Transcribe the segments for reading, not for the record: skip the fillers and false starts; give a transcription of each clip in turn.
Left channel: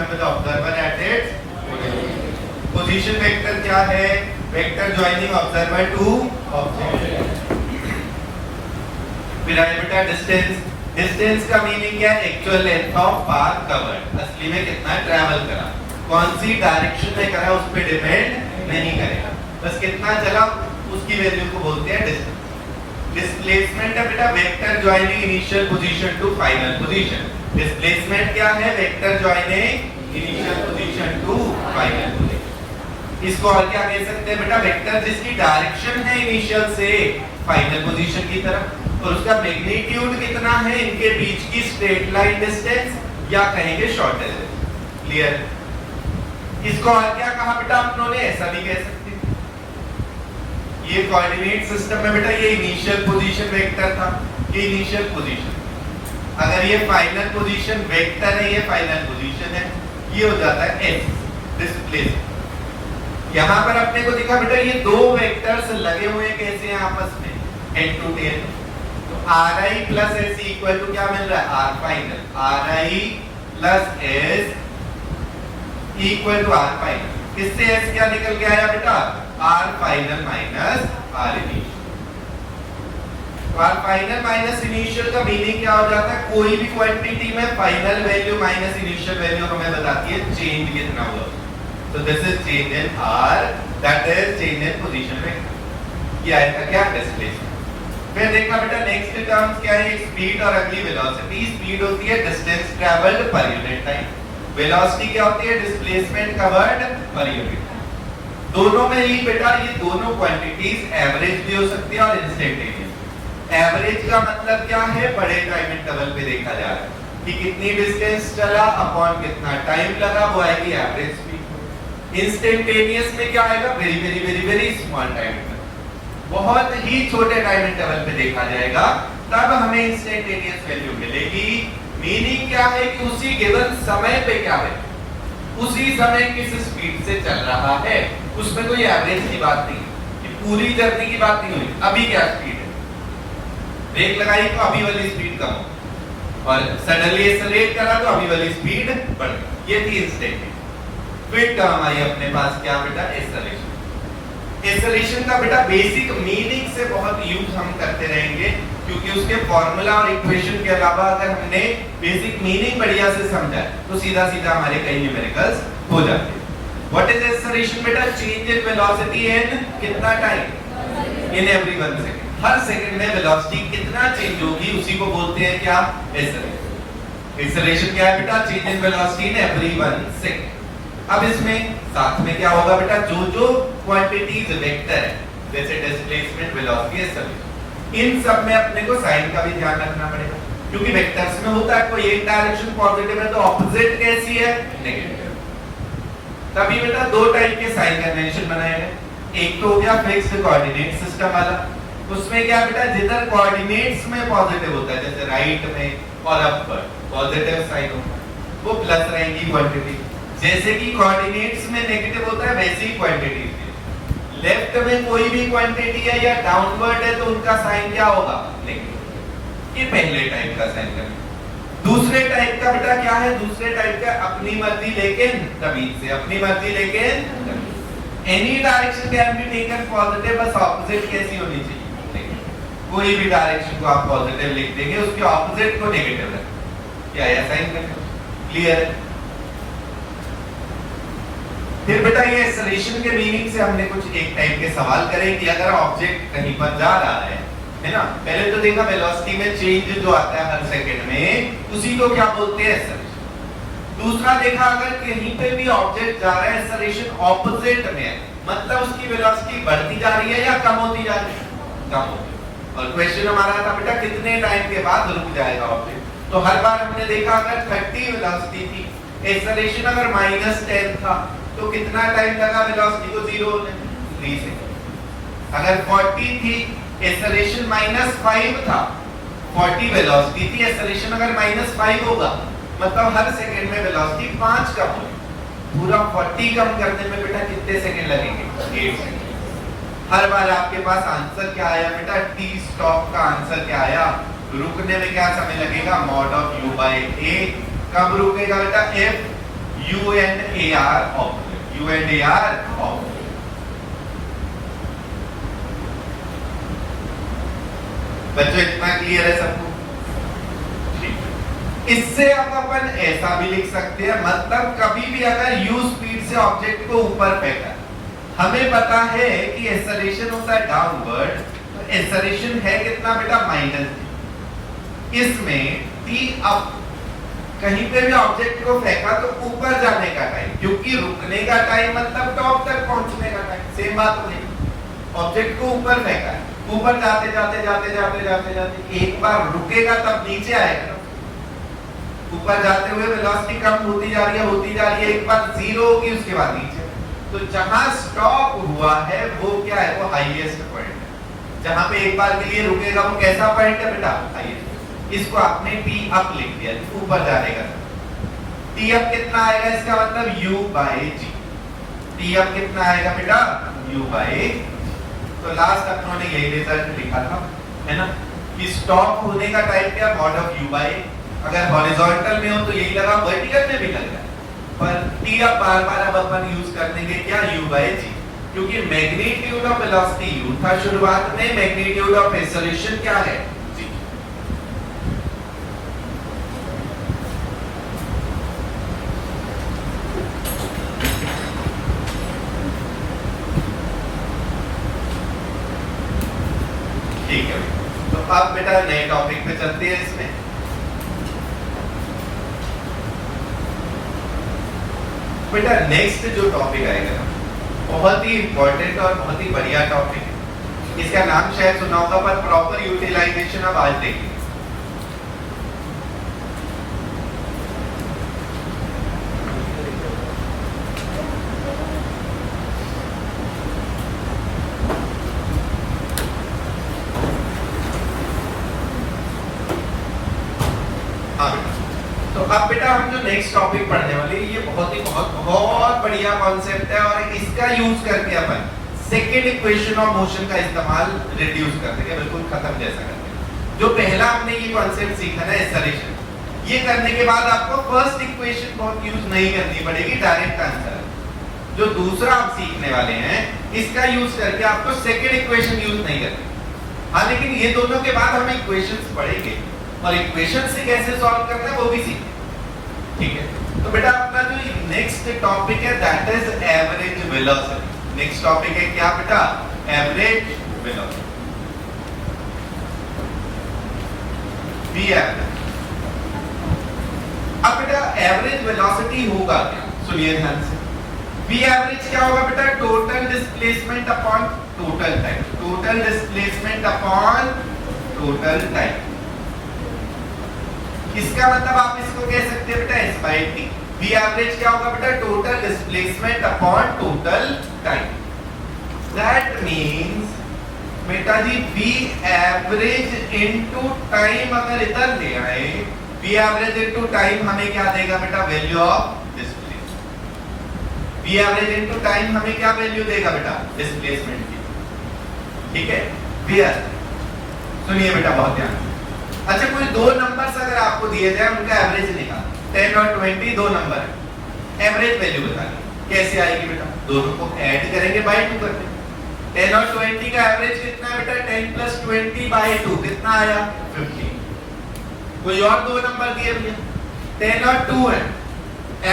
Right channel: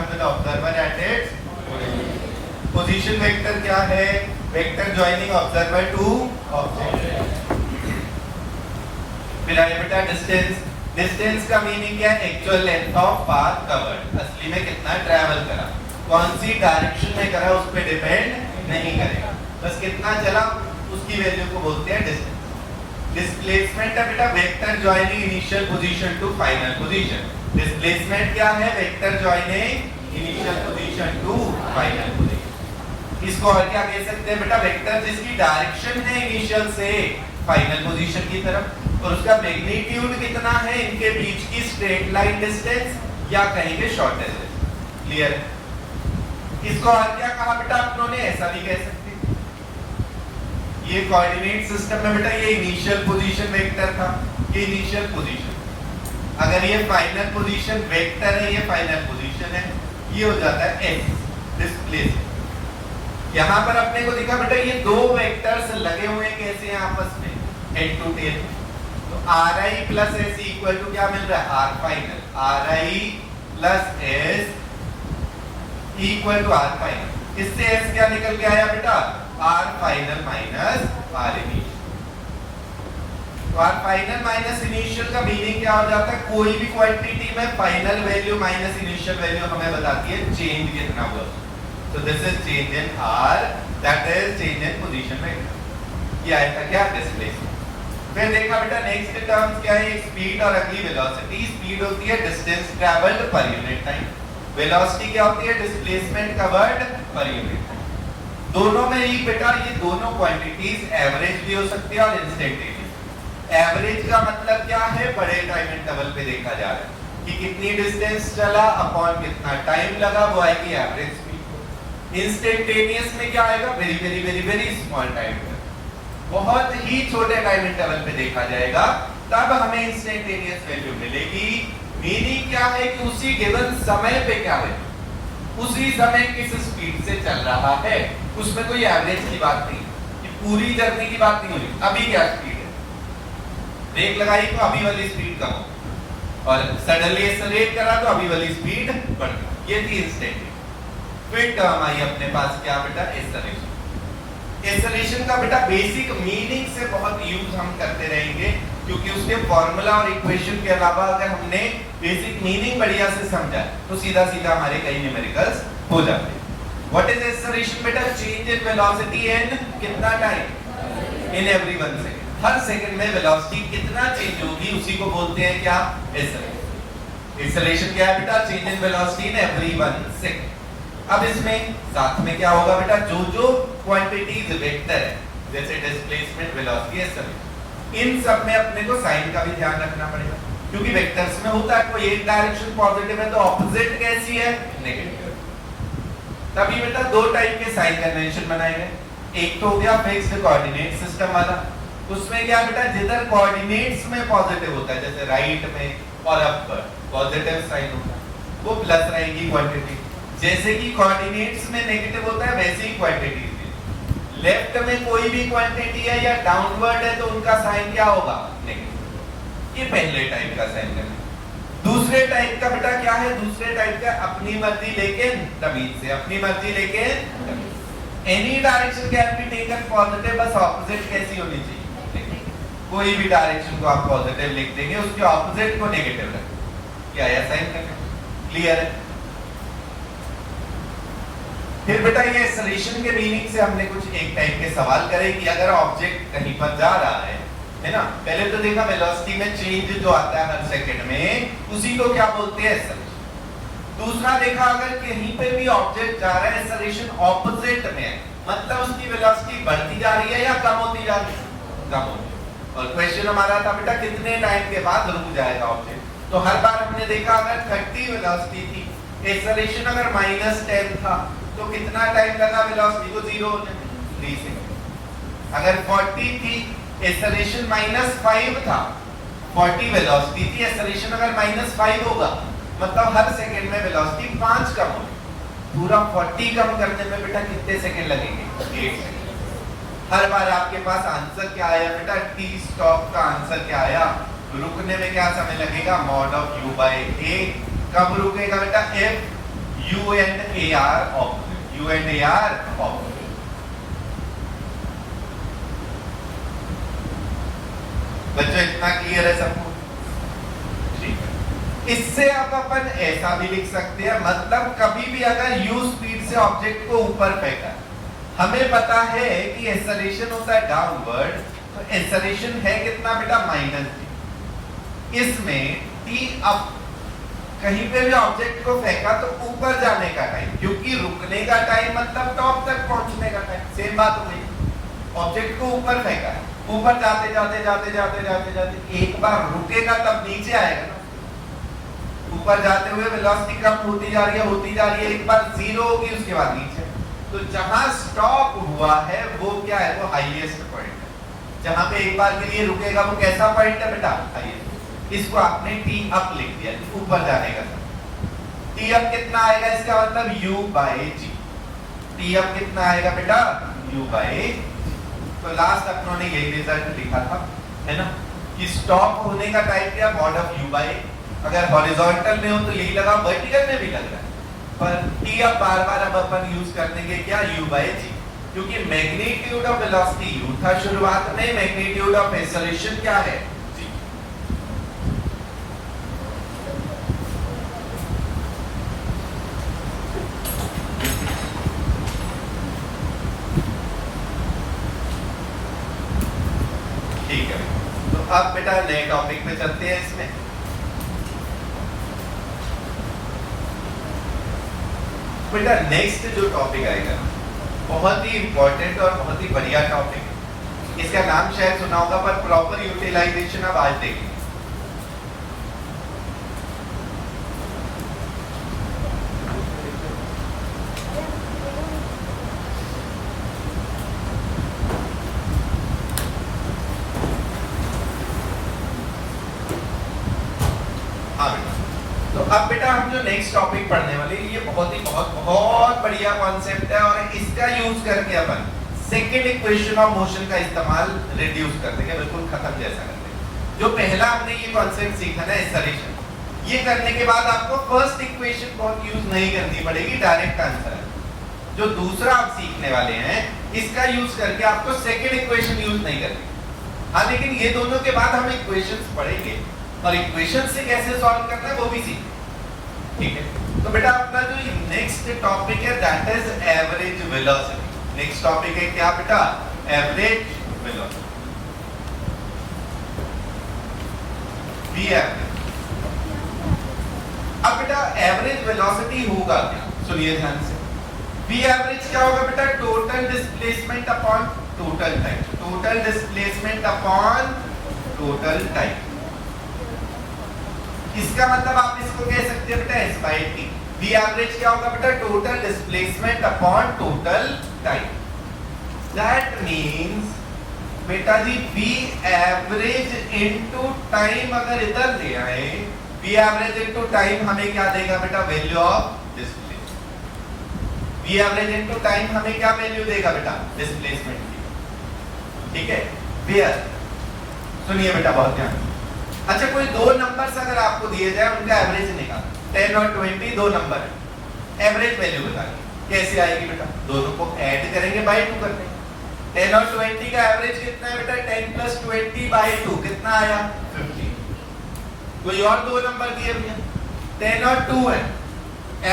System with observer at its position vector क्या है? Vector joining observer to object. फिर आया बेटा डिस्टेंस। डिस्टेंस का मीनिंग क्या है? Actual length of path covered, असली में कितना ट्रैवल करा, कौन सी डायरेक्शन में करा उस पे डिपेंड नहीं करेगा, बस कितना चला उसकी वैल्यू को बोलते हैं डिस्टेंस। डिस्प्लेसमेंट है बेटा vector joining initial position to final position. Displacement क्या है? Vector joining initial position to final position. इसको और क्या कह सकते हैं बेटा? वेक्टर जिसकी डायरेक्शन है इनिशियल से फाइनल पोजीशन की तरफ, और उसका मैग्नीट्यूड कितना है इनके बीच की स्ट्रेट लाइन डिस्टेंस, या कहेंगे शॉर्टेज। क्लियर? इसको और क्या कहा बेटा आप लोगों ने? ऐसा नहीं कह सकते। ये कोऑर्डिनेट सिस्टम में बेटा ये इनिशियल पोजीशन वेक्टर था, ये इनिशियल पोजीशन। अगर ये फाइनल पोजीशन वेक्टर है, ये फाइनल पोजीशन है, ये हो जाता है एस डिस्प्लेसमेंट। यहां पर अपने को दिखा बेटा ये दो वेक्टर्स लगे हुए कैसे हैं आपस में, एन टू एन। तो r i plus s equal to क्या मिल रहा है? R final. R i plus s equal to r final. इससे एस क्या निकल के आया बेटा? R final minus r initial. तो आर फाइनल माइनस इनिशियल का मीनिंग क्या हो जाता है? कोई भी क्वांटिटी में final value minus initial value हमें बताती है चेंज कितना हुआ। So this is change in R, that is change in position में। ये आएगा क्या? डिस्प्लेसमेंट। फिर देखा बेटा नेक्स्ट टर्म्स क्या है? स्पीड और अगली वेलोसिटी। स्पीड होती है distance travelled per unit time, velocity क्या होती है? Displacement covered per unit time. दोनों में ही बेटा ये दोनों क्वांटिटीज एवरेज भी हो सकती है और इंस्टेंटेनियस। एवरेज का मतलब क्या है? बड़े टाइम इंटरवल पे देखा जा रहा है कि कितनी डिस्टेंस चला अपॉन कितना टाइम लगा, वो आएगी एवरेज स्पीड। इंस्टेंटेनियस में क्या आएगा? Very very very very small time interval, बहुत ही छोटे टाइम इंटरवल पे देखा जाएगा, तब हमें इंस्टेंटेनियस वैल्यू मिलेगी। मीनिंग क्या है कि उसी गिवन समय पे क्या है, उसी समय किस स्पीड से चल रहा है, उसमें कोई एवरेज की बात नहीं कि पूरी जर्नी की बात नहीं हुई। अभी क्या स्पीड है, ब्रेक लगाई तो अभी वाली स्पीड कम हो, और सडनली एक्सेलरेट करा तो अभी वाली स्पीड बढ़ गई। ये थी इंस्टेंटेनियस। फिर टर्म आई अपने पास क्या बेटा? एक्सेलरेशन। एक्सेलरेशन का बेटा बेसिक मीनिंग से बहुत यूज हम करते रहेंगे, क्योंकि उसके फॉर्मूला और इक्वेशन के अलावा अगर हमने बेसिक मीनिंग बढ़िया से समझा तो सीधा सीधा हमारे कई न्यूमेरिकल्स हो जाते हैं। व्हाट इज एक्सेलरेशन बेटा? चेंज इन वेलोसिटी इन कितना time? In every 1 second. Her second में वेलोसिटी कितना चेंज होगी उसी को बोलते हैं क्या? एक्सेलरेशन। एक्सेलरेशन क्या है बेटा? Change in velocity in every 1 second. अब इसमें साथ में क्या होगा बेटा? जो जो क्वांटिटीज वेक्टर है जैसे डिस्प्लेसमेंट, वेलोसिटी, एक्सेलरेशन, इन सब में अपने को साइन का भी ध्यान रखना पड़ेगा, क्योंकि वेक्टर्स में होता है कोई एक डायरेक्शन पॉजिटिव है तो ऑपोजिट कैसी है? नेगेटिव। तभी बेटा दो टाइप के साइन कन्वेंशन बनाएंगे। एक तो हो गया फिक्स्ड कोऑर्डिनेट सिस्टम वाला, उसमें क्या बेटा जिधर कोऑर्डिनेट्स में पॉजिटिव होता है, जैसे राइट में और अपर पॉजिटिव साइन होता है, वो प्लस रहेगी क्वांटिटी। जैसे कि कोऑर्डिनेट्स में नेगेटिव होता है वैसे ही क्वांटिटी में लेफ्ट में कोई भी क्वांटिटी है या डाउनवर्ड है तो उनका साइन क्या होगा? नेगेटिव। ये पहले टाइप का साइन करेंगे। दूसरे टाइप का बेटा क्या है? दूसरे टाइप का अपनी मर्जी लेकिन तमीज से, अपनी मर्जी लेकिन any direction can be taken positive, बस ऑपोजिट कैसी होनी चाहिए? कोई भी डायरेक्शन को आप पॉजिटिव लिख देंगे, उसके ऑपोजिट को नेगेटिव रखेंगे। क्या है साइन करना? क्लियर है? फिर बेटा ये एक्सेलरेशन के मीनिंग से हमने कुछ एक टाइप के सवाल करे कि अगर ऑब्जेक्ट कहीं पर जा रहा है ना, पहले तो देखा वेलोसिटी में चेंज जो आता है हर सेकंड में, उसी को क्या बोलते हैं? एक्सेलरेशन। दूसरा देखा अगर कहीं पे भी ऑब्जेक्ट जा रहा है, एक्सेलरेशन ऑपोजिट में है, मतलब उसकी वेलोसिटी बढ़ती जा रही है या कम होती जा रही है? कम होती है। और क्वेश्चन हमारा था बेटा कितने टाइम के बाद रुक जाएगा ऑब्जेक्ट? तो हर बार हमने देखा अगर 30 वेलोसिटी थी, एक्सेलरेशन अगर -10 था, तो कितना टाइम लगा वेलोसिटी को 0 होने? 3 सेकंड। अगर 40 थी, एक्सेलरेशन -5 था, 40 वेलोसिटी थी, एक्सेलरेशन अगर -5 होगा, मतलब हर सेकंड में वेलोसिटी 5 कम होगी। पूरा 40 कम करने में बेटा कितने सेकंड लगेंगे? 8 सेकंड। हर बार आपके पास आंसर क्या आया बेटा? टी स्टॉप का आंसर क्या आया? रुकने में क्या समय लगेगा? mod of u by a। कब रुकेगा बेटा? if U and A are opposite. U and A are opposite. बच्चों इतना क्लियर है सबको? इससे अब अपन ऐसा भी लिख सकते हैं, मतलब कभी भी अगर u स्पीड से ऑब्जेक्ट को ऊपर फेंका, हमें पता है कि एक्सेलरेशन होता है डाउनवर्ड, तो एक्सेलरेशन है कितना बेटा -v। इसमें t अप कहीं पे भी ऑब्जेक्ट को फेंका तो ऊपर जाने का टाइम, क्योंकि रुकने का टाइम मतलब टॉप तक पहुंचने का टाइम, सेम बात होगी। ऑब्जेक्ट को ऊपर फेंका है, ऊपर जाते जाते जाते जाते जाते जाते एक बार रुकेगा तब नीचे आएगा। ऊपर जाते हुए वेलोसिटी कम होती जा रही है, एक बार जीरो होगी उसके बाद नीचे। तो जहां स्टॉप हुआ है वो क्या है, वो हाईएस्ट पॉइंट है। जहां पे एक बार के लिए रुकेगा वो कैसा पॉइंट है बेटा, हाईएस्ट। इसको आपने टी अप लिख दिया, ऊपर जाने का। टी अप कितना आएगा, इसका मतलब u by g. T up कितना आएगा बेटा, u बाई। तो लास्ट अपनों ने यही रिजल्ट लिखा था, है ना, कि स्टॉप होने का टाइम क्या, मॉड ऑफ u बाई। अगर हॉरिजॉन्टल में हो तो यही लगा, वर्टिकल में भी लग रहा है, पर टी अब बार-बार अब अपन यूज करने के क्या, u बाई जी, क्योंकि मैग्नीट्यूड ऑफ वेलोसिटी u था शुरुआत में, मैग्नीट्यूड ऑफ एक्सेलरेशन क्या है, जी। ठीक है, तो अब बेटा नए टॉपिक पे चलते हैं। इसमें बेटा नेक्स्ट जो टॉपिक आएगा बहुत ही इंपॉर्टेंट और बहुत ही बढ़िया टॉपिक है। इसका नाम शायद सुना होगा, पर प्रॉपर यूटिलाइजेशन अब आज देखेंगे। अब बेटा हम जो नेक्स्ट टॉपिक पढ़ने वाले हैं ये बहुत बढ़िया कॉन्सेप्ट है, और इसका यूज करके अपन सेकंड इक्वेशन ऑफ मोशन का इस्तेमाल रिड्यूस कर देंगे, बिल्कुल खत्म जैसा करेंगे। जो पहला हमने ये कॉन्सेप्ट सीखा ना एक्सेलरेशन, ये करने के बाद आपको फर्स्ट इक्वेशन को यूज नहीं करनी पड़ेगी, डायरेक्ट आंसर है। जो दूसरा आप सीखने वाले हैं इसका यूज करके आपको सेकंड इक्वेशन यूज नहीं करनी। हाँ, लेकिन ये दोनों के बाद हम इक्वेशंस पढ़ेंगे और इक्वेशन से कैसे सॉल्व करना है वो भी सीखेंगे। ठीक है, तो बेटा आपका जो नेक्स्ट टॉपिक है that is average velocity. Next topic है क्या बेटा, एवरेज वेलोसिटी, वी एवरेज। अब बेटा एवरेज वेलोसिटी होगा क्या, सुनिए ध्यान से। वी एवरेज क्या होगा बेटा, total displacement upon total time, total displacement upon total time. इसका मतलब आप इसको कह सकते हैं बेटा s by t। v average क्या होगा बेटा, total displacement upon total time. That means बेटा जी v एवरेज इनटू टाइम अगर इधर ले आए, v एवरेज इनटू टाइम हमें क्या देगा बेटा, value of displacement. v average into time हमें क्या वैल्यू देगा बेटा, डिस्प्लेसमेंट की। ठीक है, क्लियर? सुनिए बेटा बहुत ध्यान। अच्छा, कोई दो नंबर्स अगर आपको दिए जाए, उनका एवरेज निकाल, 10 और 20 दो नंबर, एवरेज वैल्यू बतानी कैसे आएगी बेटा, दोनों को ऐड करेंगे बाय 2 करके। 10 और 20 का एवरेज कितना है बेटा, 10 प्लस 20 बाय 2 कितना आया, 50। कोई और दो नंबर दिए भैया, 10 और 2 है,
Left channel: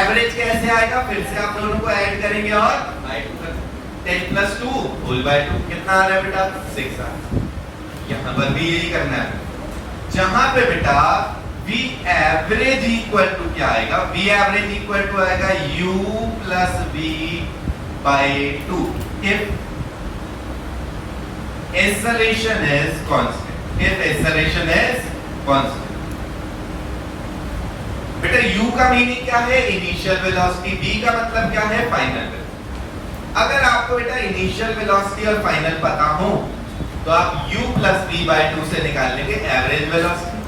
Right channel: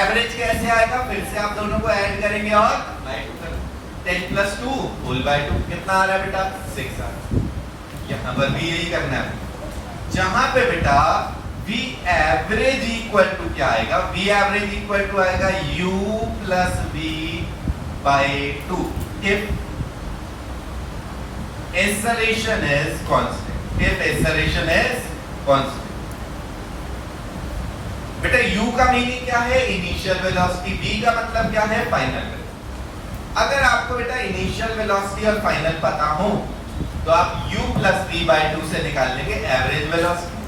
एवरेज कैसे आएगा, फिर से आप दोनों को ऐड करेंगे और बाय 2 करेंगे। 10 प्लस 2 होल बाय 2 कितना आ रहा है बेटा, 6 आ रहा है। यहाँ पर भी यही करना है, जहां पे बेटा v एवरेज इक्वल टू क्या आएगा, v एवरेज इक्वल टू आएगा u plus v by 2 if acceleration is constant, if acceleration is constant। बेटा u का मीनिंग क्या है, इनिशियल वेलोसिटी, v का मतलब क्या है, फाइनल वेलोसिटी। अगर आपको बेटा इनिशियल वेलोसिटी और फाइनल पता हो तो आप u प्लस v बाय 2 से निकाल लेंगे एवरेज वेलोसिटी,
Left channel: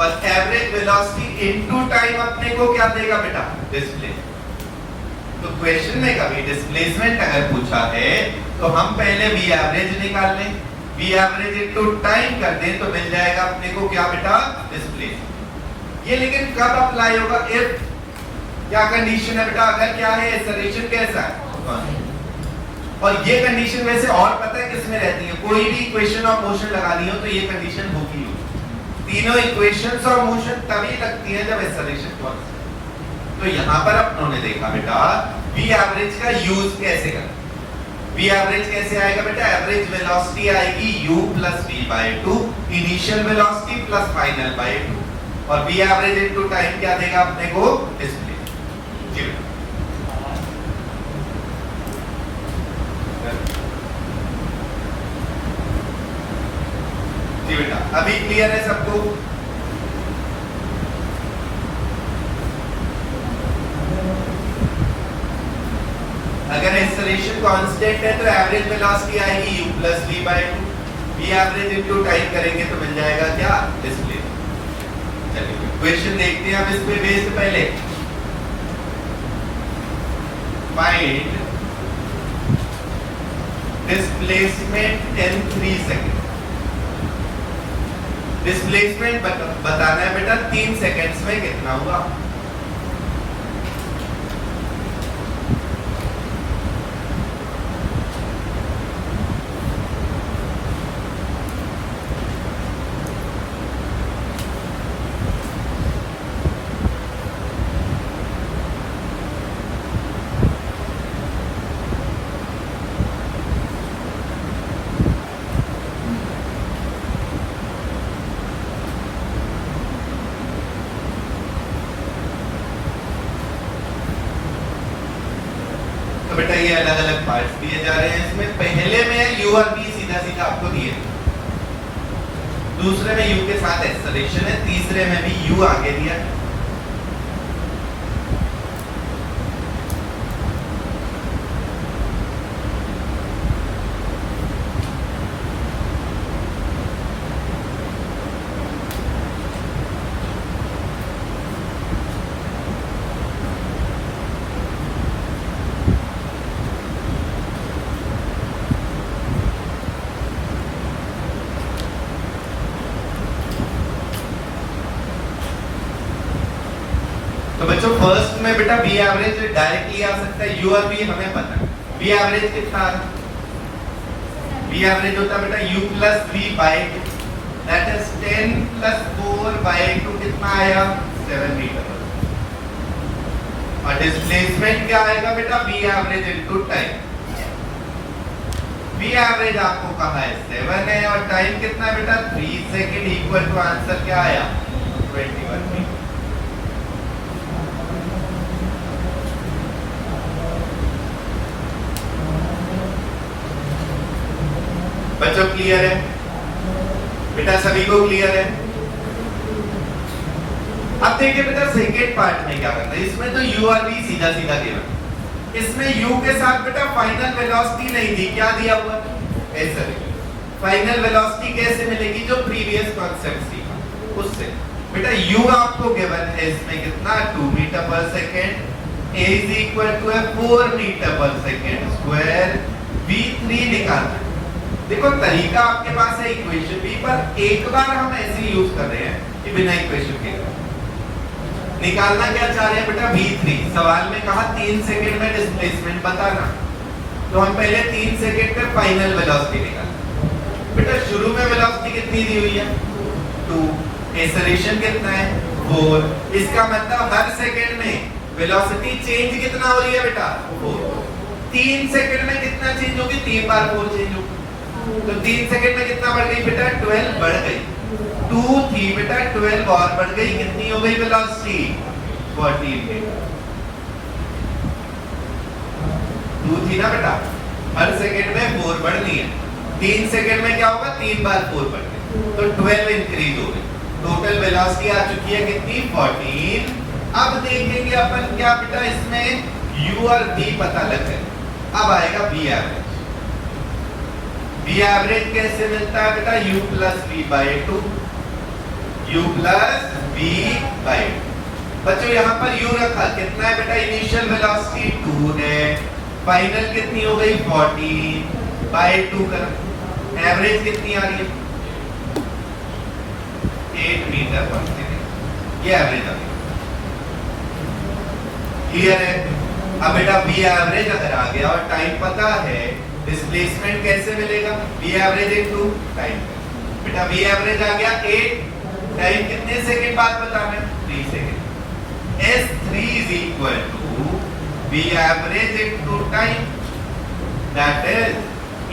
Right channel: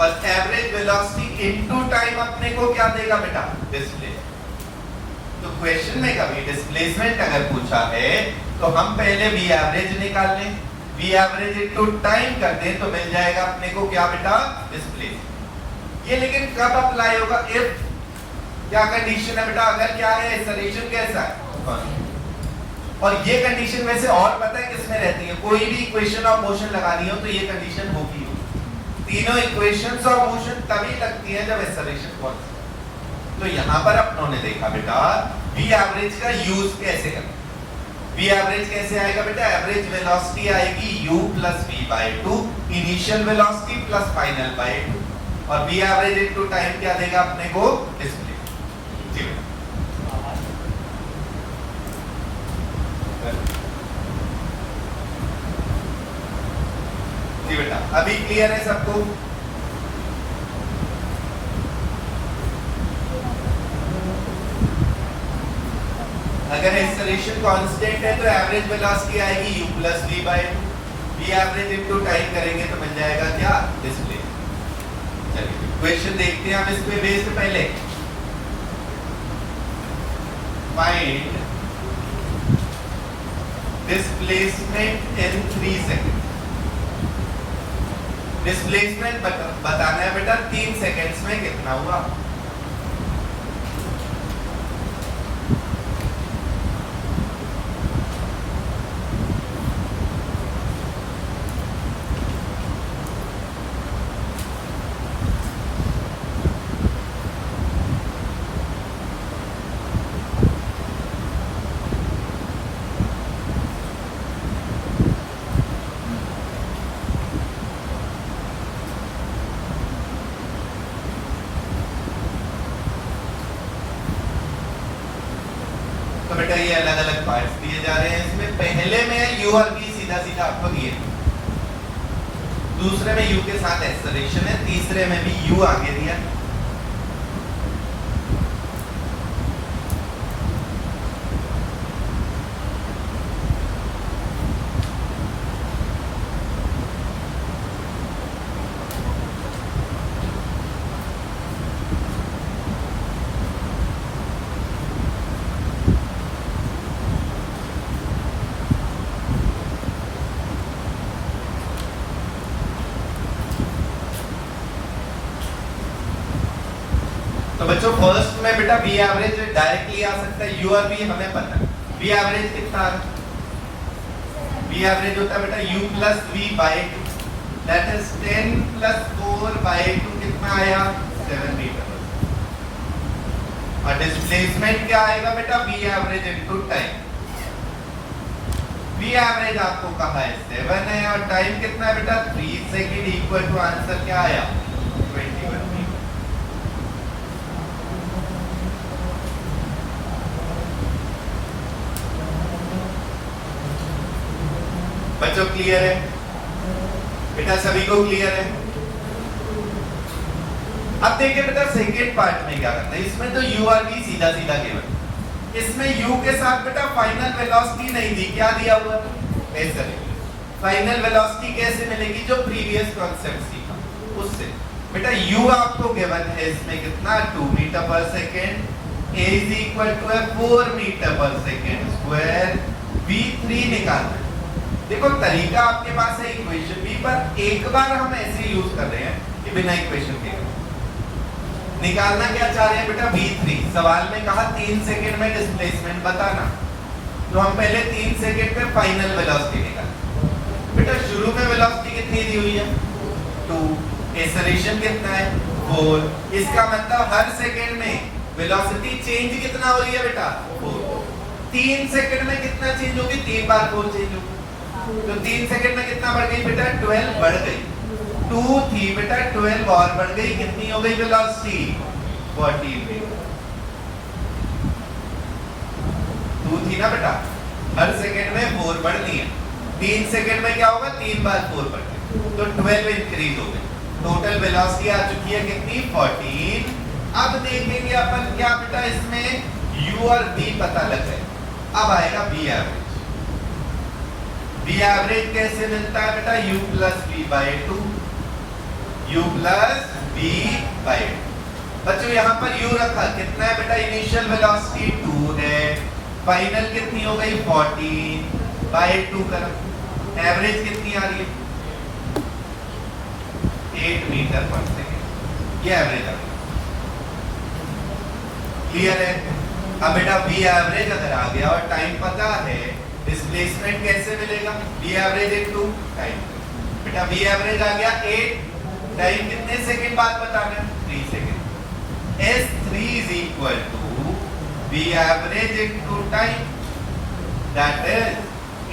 और एवरेज वेलोसिटी इनटू टाइम अपने को क्या देगा बेटा, डिस्प्लेसमेंट। तो क्वेश्चन में कभी डिस्प्लेसमेंट अगर पूछा है तो हम पहले v एवरेज निकाल लें, v एवरेज इनटू टाइम कर दें तो मिल जाएगा अपने को क्या बेटा, डिस्प्लेसमेंट। ये लेकिन कब अप्लाई होगा, इफ क्या कंडीशन है बेटा? अगर क्या है एक्सेलरेशन कैसा है 1, और ये कंडीशन वैसे और पता है किसमें रहती है? कोई भी इक्वेशन ऑफ मोशन लगानी हो तो ये कंडीशन होगी। तीनों इक्वेशंस ऑफ मोशन तभी लगती है जब एक्सेलरेशन कॉन्स्टेंट। तो यहां पर अपनों ने देखा बेटा v एवरेज का यूज कैसे करना। v एवरेज कैसे आएगा बेटा? एवरेज वेलोसिटी आएगी u plus v by 2, initial velocity plus final by 2, और v एवरेज इनटू टाइम क्या देगा अपने को? डिस्प्लेसमेंट। जी बेटा, अभी क्लियर है सबको? अगर एक्सेलरेशन कांस्टेंट है तो एवरेज वेलोसिटी आएगी u plus v by 2, v average into time करेंगे तो मिल जाएगा क्या? डिस्प्लेसमेंट। चलिए क्वेश्चन देखते हैं हम इस पे बेस से पहले। Find displacement in 3 second. Displacement बताना है बेटा 3 सेकंड्स में कितना हुआ। ये अलग अलग पार्ट्स दिए जा रहे हैं इसमें। पहले में u और v सीधा सीधा आपको दिए, दूसरे में u के साथ एक्सेलरेशन है, तीसरे में भी u आगे दिया। तो बच्चों फर्स्ट में बेटा v एवरेज डायरेक्टली आ सकता है, u और v हमें पता है। v एवरेज कितना? v एवरेज होता है बेटा u plus v by 2, that is 10 plus 4 by 2 कितना आया? 7 मीटर। और डिस्प्लेसमेंट क्या आएगा बेटा? v average into time. v average आपको कहा है 7 है और टाइम कितना है बेटा? 3 सेकंड इक्वल टू आंसर क्या आया? 21 मीटर। बच्चों क्लियर है बेटा? सभी को क्लियर है? अब देखिए बेटा सेकेंड पार्ट में क्या करना है। इसमें तो u और v सीधा सीधा दिया, इसमें u के साथ बेटा फाइनल वेलोसिटी नहीं दी, क्या दिया हुआ? एक्सेलरेशन। फाइनल वेलोसिटी कैसे मिलेगी? जो प्रीवियस कांसेप्ट सीखा उससे। बेटा u आपको गिवन है इसमें कितना? 2 मीटर पर second, a is equal to 4 meter पर सेकेंड स्क्वायर, v3 निकालना। देखो तरीका आपके पास है इक्वेशन भी, पर एक बार हम ऐसे यूज कर रहे हैं कि बिना इक्वेशन के निकालना क्या चाह रहे हैं बेटा? v3। सवाल में कहा 3 सेकंड में डिस्प्लेसमेंट बताना, तो हम पहले 3 सेकंड पे फाइनल वेलोसिटी निकालें। बेटा शुरू में वेलोसिटी कितनी दी हुई है? 2, एक्सेलरेशन कितना है? 4। इसका मतलब हर सेकंड में वेलोसिटी चेंज कितना हो रही है बेटा? 4। 3 सेकंड में कितना चेंज होगी? 3 बार 4 चेंज होगी। तो 3 सेकंड में कितना बढ़ गई बेटा? 12 बढ़ गई। 2 थी बेटा, 12 और बढ़ गई, कितनी हो गई वेलोसिटी? 14 मीटर। 2 थी ना बेटा, हर सेकंड में 4 बढ़नी है। 3 सेकंड में क्या होगा? 3 बार 4 बढ़ गई, तो 12 इंक्रीज हो गई। टोटल वेलोसिटी आ चुकी है कितनी? 14। अब देखेंगे अपन क्या बेटा, इसमें u और v पता लग गए। अब आएगा v एवरेज। v एवरेज कैसे मिलता है बेटा? u plus v by 2, u plus v by 2। बच्चों यहाँ पर u रखा, कितना है बेटा? इनिशियल वेलोसिटी 2 है, फाइनल कितनी हो गई? 14 बाय 2 का एवरेज कितनी आ रही है? 8 मीटर पर सेकंड। ये एवरेज आ गई। क्लियर है? अब बेटा बी एवरेज अगर आ गया और टाइम पता है, डिस्प्लेसमेंट कैसे मिलेगा? V average into time. बेटा बी एवरेज आ गया 8, टाइम कितने सेकंड बाद बताना है? 3 second. S3 is equal to B average into time, that is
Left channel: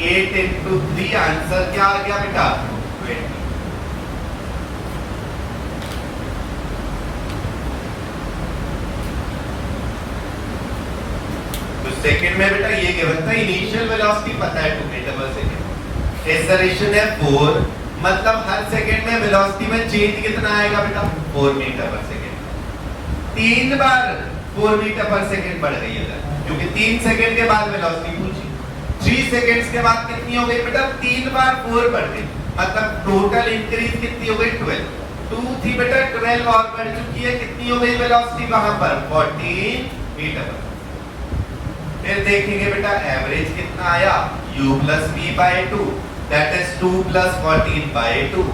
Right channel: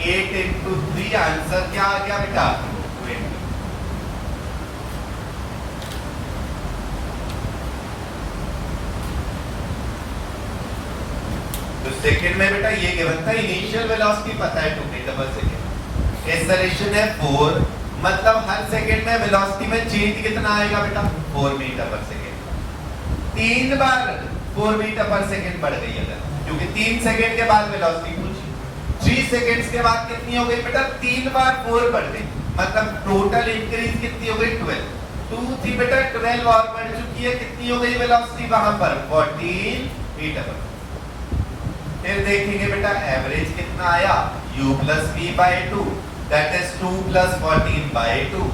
8 into 3। Answer क्या आ गया बेटा? 20। तो सेकंड में बेटा ये गिवन था, इनिशियल वेलोसिटी पता है 2 मीटर पर सेकंड, एक्सेलरेशन है 4, मतलब हर सेकंड में वेलोसिटी में चेंज कितना आएगा बेटा? 4 मीटर पर सेकंड। 3 बार 4 मीटर पर सेकंड बढ़ गई है, क्योंकि 3 सेकंड के बाद वेलोसिटी पूछी। 3 सेकंड्स के बाद कितनी हो गई बेटा? 3 बार 4 बढ़ गई, मतलब टोटल इंक्रीज कितनी हो गई? 12। 2 थी बेटा, 12 और बढ़ चुकी है, कितनी हो गई वेलोसिटी वहां पर? 14 मीटर। फिर देखेंगे बेटा एवरेज कितना आया? u plus v by 2, that is 2 plus 14 by 2।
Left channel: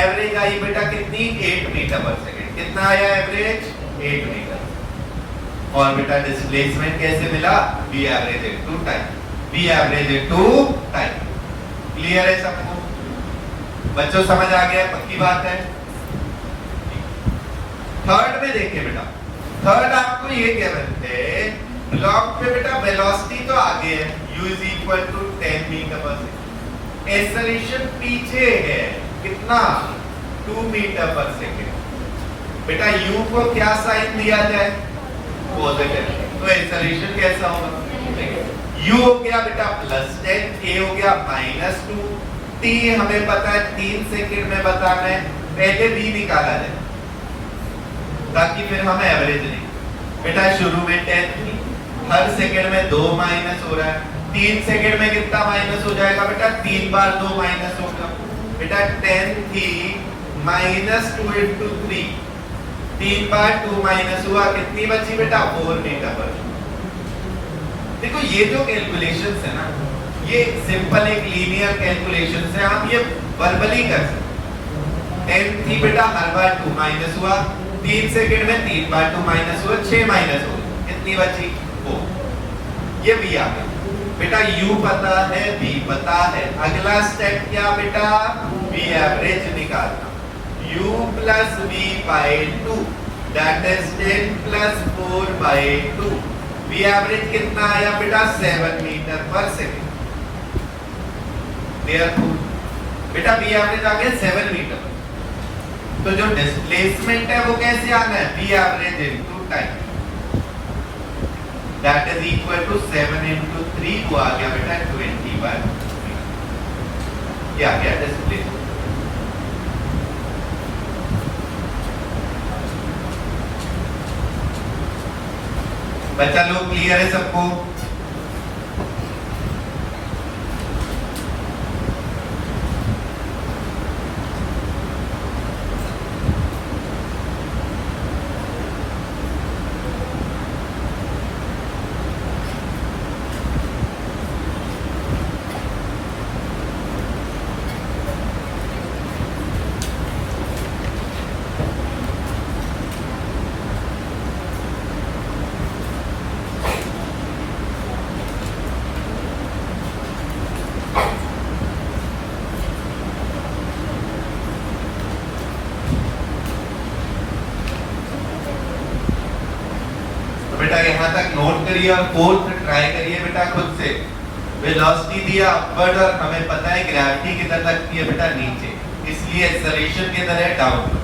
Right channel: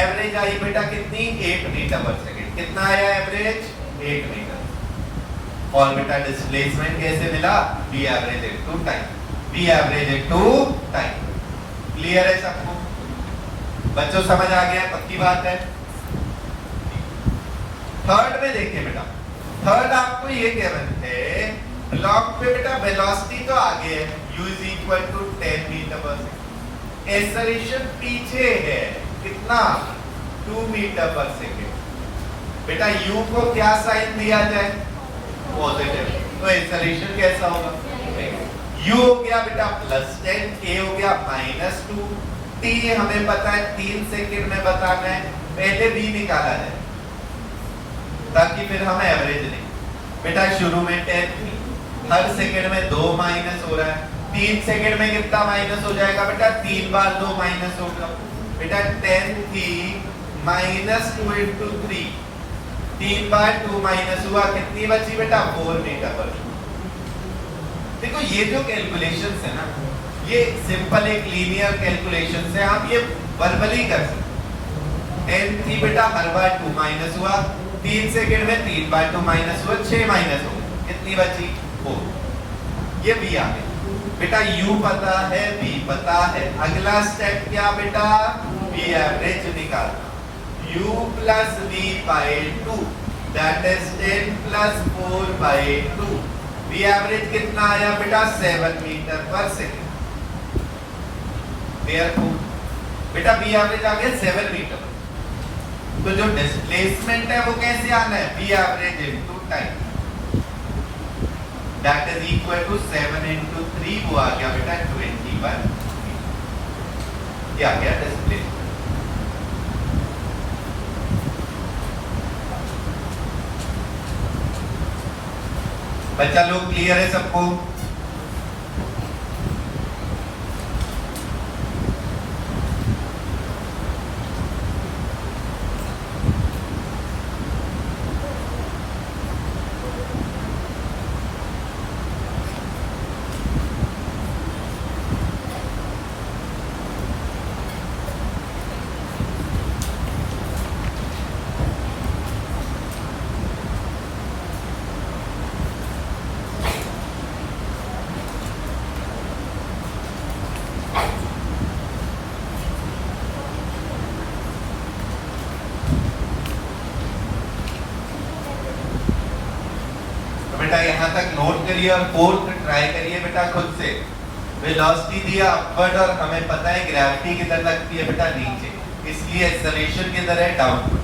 Average आई बेटा कितनी? 8 मीटर पर सेकंड। कितना आया एवरेज? 8 मीटर। और बेटा डिस्प्लेसमेंट कैसे मिला? v average into time, v average into time. Clear है सबको? बच्चों समझ आ गया? पक्की बात है। थर्ड में देखिए बेटा, थर्ड आपको ये कह रहे थे ब्लॉक पे बेटा वेलोसिटी तो आगे है, u is equal to 10 metre पर सेकंड, एक्सेलरेशन पीछे है, कितना? 2 मीटर पर सेकंड। बेटा u को क्या साइन दिया जाए? पॉजिटिव। तो एक्सेलरेशन कैसा होगा? u हो गया बेटा +10, a हो गया -2, t हमें पता है 3 सेकंड में बताना है, पहले v निकाला जाए ताकि फिर हम एवरेज लें। बेटा शुरू में 10 थी, हर सेकंड में 2 माइनस हो रहा है, 3 सेकंड में कितना माइनस हो जाएगा बेटा? 3 बार 2 माइनस होगा। बेटा 10 थी -2 into 3, 3 बार 2 माइनस हुआ, कितनी बची बेटा? 4 मीटर पर। देखो ये जो कैलकुलेशंस है ना, ये सिंपल एक लीनियर कैलकुलेशंस है, हम ये वर्बली कर सकते। 10 थी बेटा, हर बार 2 माइनस हुआ, 3 सेकंड में 3 बार 2 माइनस हुआ, 6 माइनस हो गई, कितनी बची? 4। ये भी आ गई बेटा, u पता है, v पता है, अगला स्टेप क्या बेटा? v एवरेज निकालना, u plus v by 2, that is 10 plus 4 by 2। v average कितना आया बेटा? 7 मीटर पर सेकंड। क्लियर? बेटा v एवरेज आ गया 7 मीटर। तो जो डिस्प्लेसमेंट है वो कैसे आना है? v average into time, that is equal to 7 into 3 को आ गया बेटा 21। क्या आ गया डिस्प्लेसमेंट? बच्चा लोग क्लियर है सबको? यहाँ तक नोट करिए और फोर्थ ट्राई करिए बेटा खुद से। वेलोसिटी दिया अपवर्ड और हमें पता है ग्रेविटी किधर लगती है बेटा? नीचे, इसलिए एक्सेलरेशन किधर है? डाउन।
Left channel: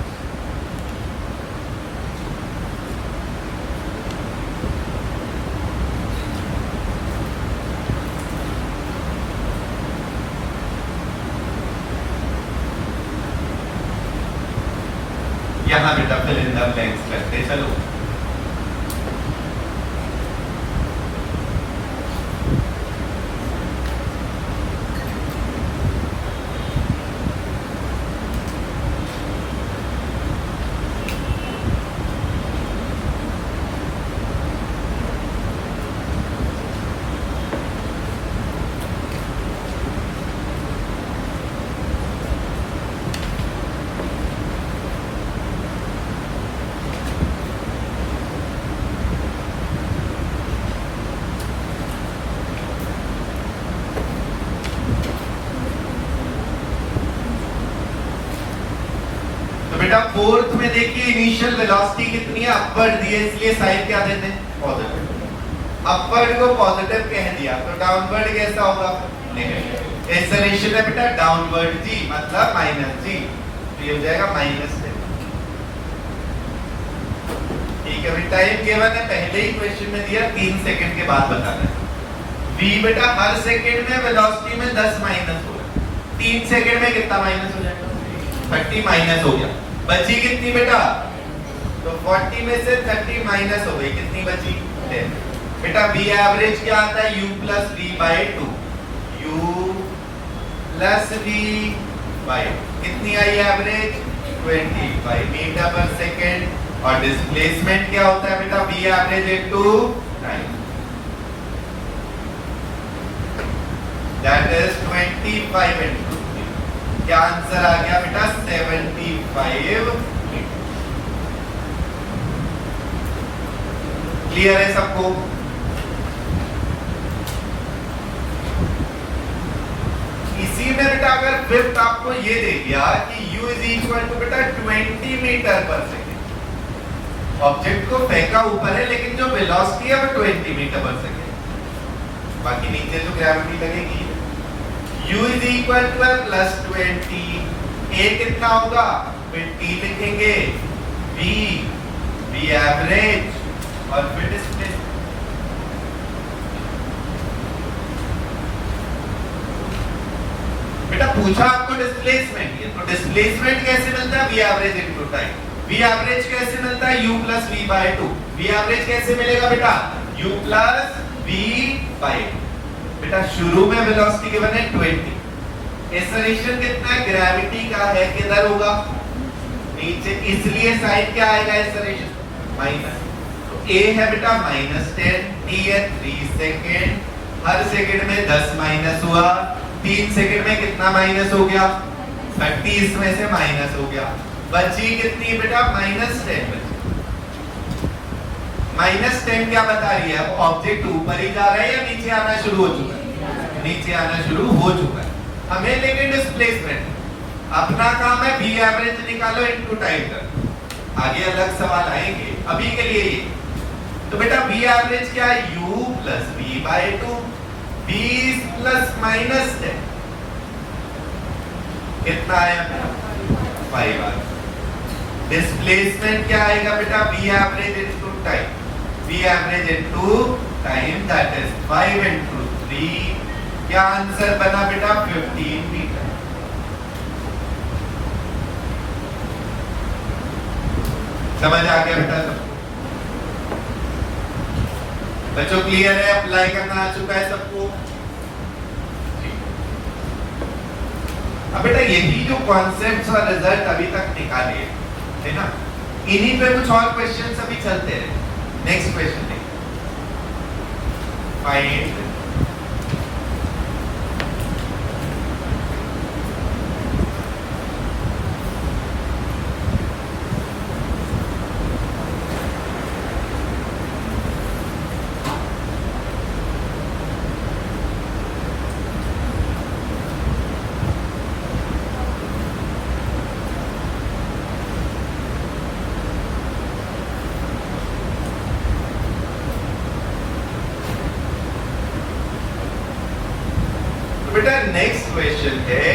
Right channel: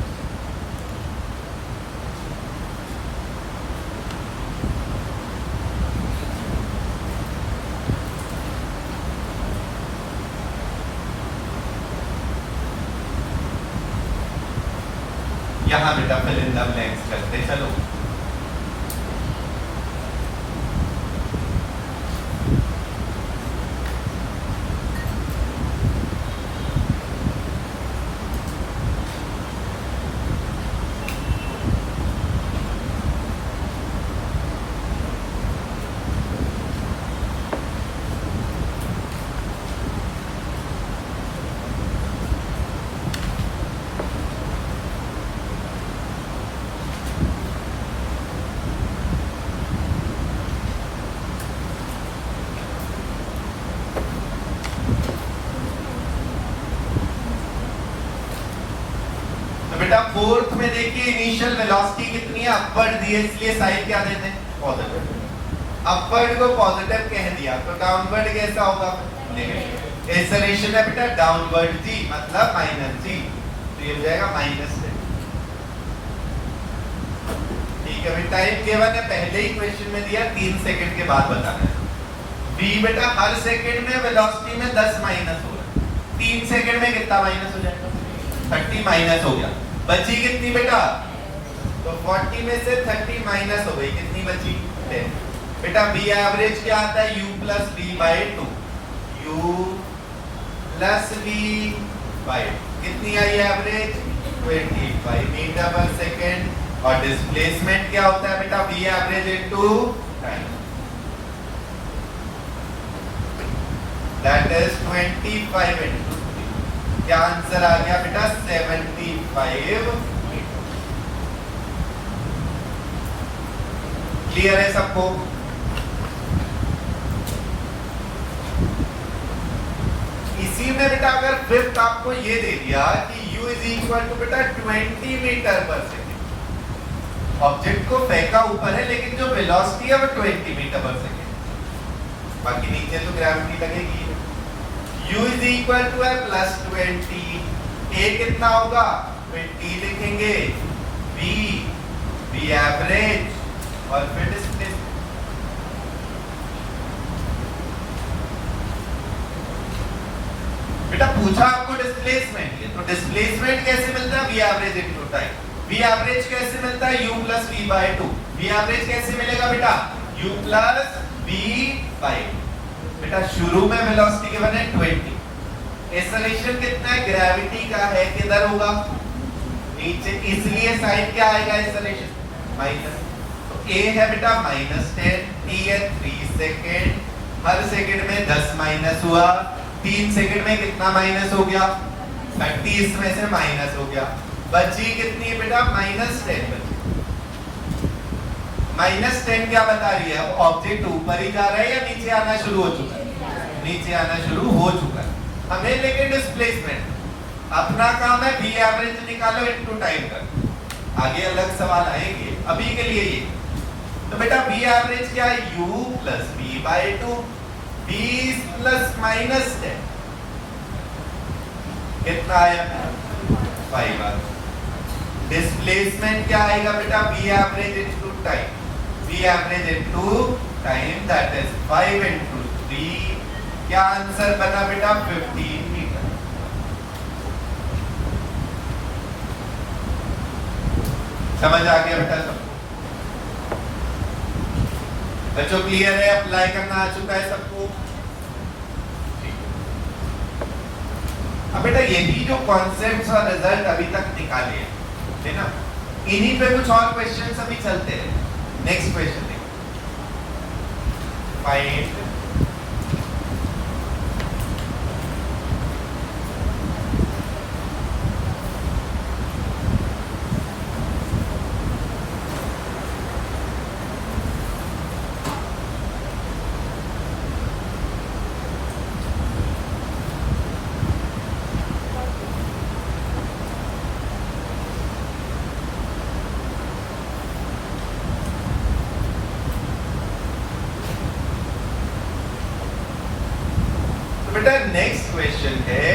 यहाँ बेटा फिल इन द ब्लैंक्स करते चलो। बेटा फोर्थ में देखिए इनिशियल वेलोसिटी कितनी है, अपवर्ड दी है, इसलिए साइड क्या देते हैं, पॉजिटिव। अपवर्ड को पॉजिटिव कह दिया तो डाउनवर्ड कैसा होगा, नेगेटिव। एक्सेलरेशन है बेटा डाउनवर्ड जी मतलब माइनस जी, तो ये हो जाएगा माइनस। ठीक है बेटा, ये केवल ने पहले ही क्वेश्चन में दिया 3 सेकंड के बाद बताना है। v बेटा हर सेकंड में वेलोसिटी में 10 माइनस हो गया, 3 सेकंड में कितना माइनस हो जाएगा, 30 माइनस हो गया। बची कितनी बेटा, तो 40 में से 30 माइनस हो गई, कितनी बची 10। बेटा v एवरेज क्या आता है, u plus v by 2, u plus v by कितनी आई एवरेज 25 मीटर पर सेकंड। और डिस्प्लेसमेंट क्या होता है बेटा, v average into time, that is 25 into, क्या आंसर आ गया बेटा 75 मीटर। क्लियर है सबको? इसी में बेटा अगर फिफ्थ आपको ये दे दिया कि u इज इक्वल टू बेटा 20 मीटर पर सेकंड, ऑब्जेक्ट को फेंका ऊपर है लेकिन जो वेलोसिटी है वो 20 मीटर पर सेकंड, बाकी नीचे तो ग्रेविटी लगेगी। u is equal two plus 20, a कितना होगा, फिर t लिखेंगे, v एवरेज और फिर डिस्प्लेसमेंट। बेटा पूछा आपको डिस्प्लेसमेंट, तो डिस्प्लेसमेंट कैसे मिलता है, v average into time. v average कैसे मिलता है, u plus v by 2। v average कैसे मिलेगा बेटा, u प्लस v बाई 2। बेटा शुरू में वेलोसिटी के बने 20, एक्सेलरेशन कितना है, ग्रेविटी का है, किधर होगा, नीचे, इसलिए साइन क्या आएगा, एक्सेलरेशन माइनस। तो a है बेटा -10, t है 3 सेकंड, हर सेकंड में 10 माइनस हुआ, 3 सेकंड में कितना माइनस हो गया, 30, इसमें से माइनस हो गया। बची कितनी बेटा -10 बची। -10 क्या बता रही है, ऑब्जेक्ट ऊपर ही जा रहा है या नीचे आना शुरू हो चुका है, नीचे आना शुरू हो चुका है। हमें लेकिन डिस्प्लेसमेंट, अपना काम है v एवरेज निकालो इनटू टाइम कर, आगे अलग सवाल आएंगे, अभी के लिए ये। तो बेटा v एवरेज क्या है, u plus v by 2, 20 plus -10 कितना है 5। डिस्प्लेसमेंट क्या आएगा बेटा, v average into time, v average into time that is 5 into 3, क्या आंसर बना बेटा 15 मीटर। समझ आ गया बेटा सब? बच्चों क्लियर है, अप्लाई करना आ चुका है सबको? अब बेटा यही जो कॉन्सेप्ट्स और रिजल्ट अभी तक निकाले है ना, इन्हीं पे कुछ और क्वेश्चंस अभी चलते हैं। नेक्स्ट क्वेश्चन देखिए, फाइंड बेटा नेक्स्ट क्वेश्चन है,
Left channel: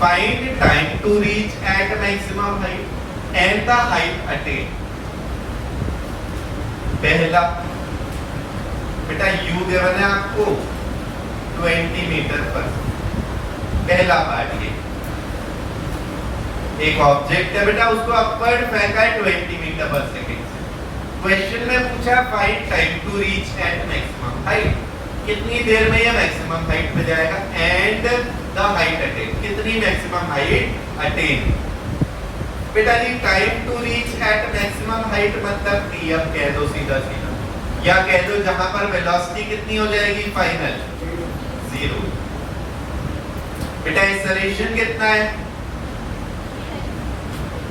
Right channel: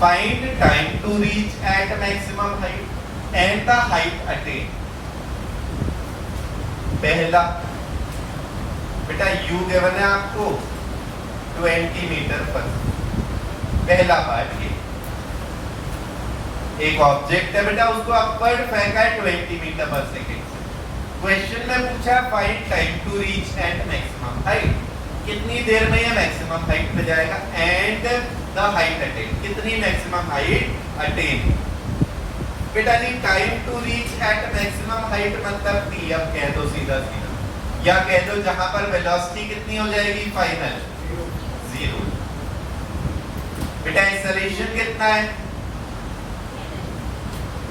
find time to reach at maximum height and the height attain. पहला बेटा u गिवन है आपको 20 मीटर पर, पहला पार्ट ये। एक ऑब्जेक्ट है बेटा, उसको अपवर्ड फेंका है 20 मीटर पर सेकेंड। क्वेश्चन में पूछा find time to reach at maximum height, कितनी देर में ये मैक्सिमम हाइट पे जाएगा, एंड द हाइट अटेन, कितनी मैक्सिमम हाइट अटेन। बेटा जी time to reach at maximum height मतलब t, अब कह दो सीधा सीधा, या कह दो जहां पर वेलोसिटी कितनी हो जाएगी फाइनल 0। बेटा एक्सेलरेशन कितना है,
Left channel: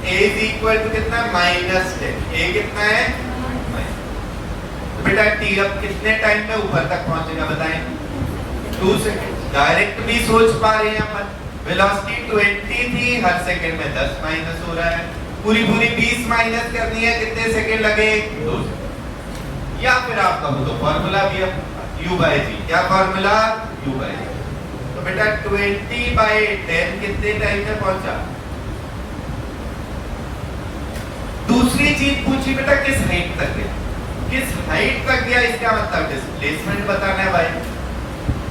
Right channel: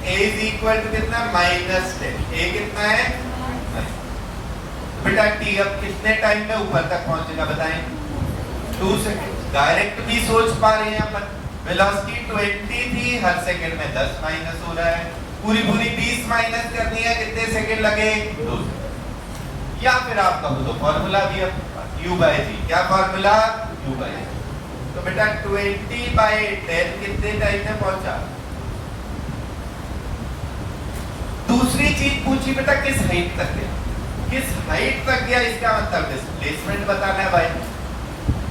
a इज इक्वल टू कितना -10, a कितना है बेटा t अब कितने टाइम में ऊपर तक पहुंचेगा बताएं, 2 सेकंड। डायरेक्ट भी सोच पा रहे हैं अपन, वेलोसिटी 20 थी, हर सेकंड में 10 माइनस हो रहा है, पूरी पूरी 20 माइनस करनी है, कितने सेकंड लगे? 2। या फिर आप कहो तो फॉर्मूला भी है u by g। क्या फॉर्मूला? u by g। तो बेटा 20/10 कितने टाइम में पहुंचा? दूसरी चीज पूछी बेटा, किस हाइट तक गया? किस हाइट तक गया, इसका मतलब डिस्प्लेसमेंट बताना है भाई।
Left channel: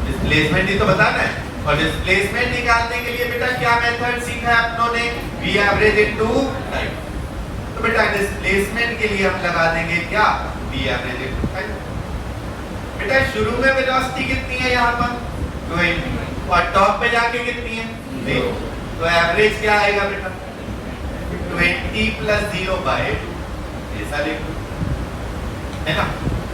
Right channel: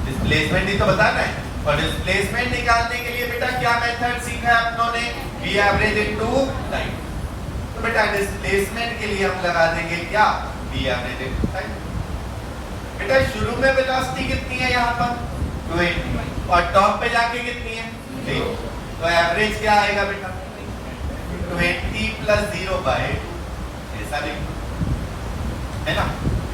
डिस्प्लेसमेंट ही तो बताना है। और डिस्प्लेसमेंट निकालने के लिए बेटा क्या मेथड सीखा है अपनों ने? v average into time. तो बेटा डिस्प्लेसमेंट के लिए हम लगा देंगे क्या? v average into time. बेटा शुरू में वेलोसिटी कितनी है यहाँ पर? 20 और टॉप पे जाके कितनी है? 0। तो एवरेज क्या आएगा बेटा? 20 + 0/2। ऐसा लिखो, है ना?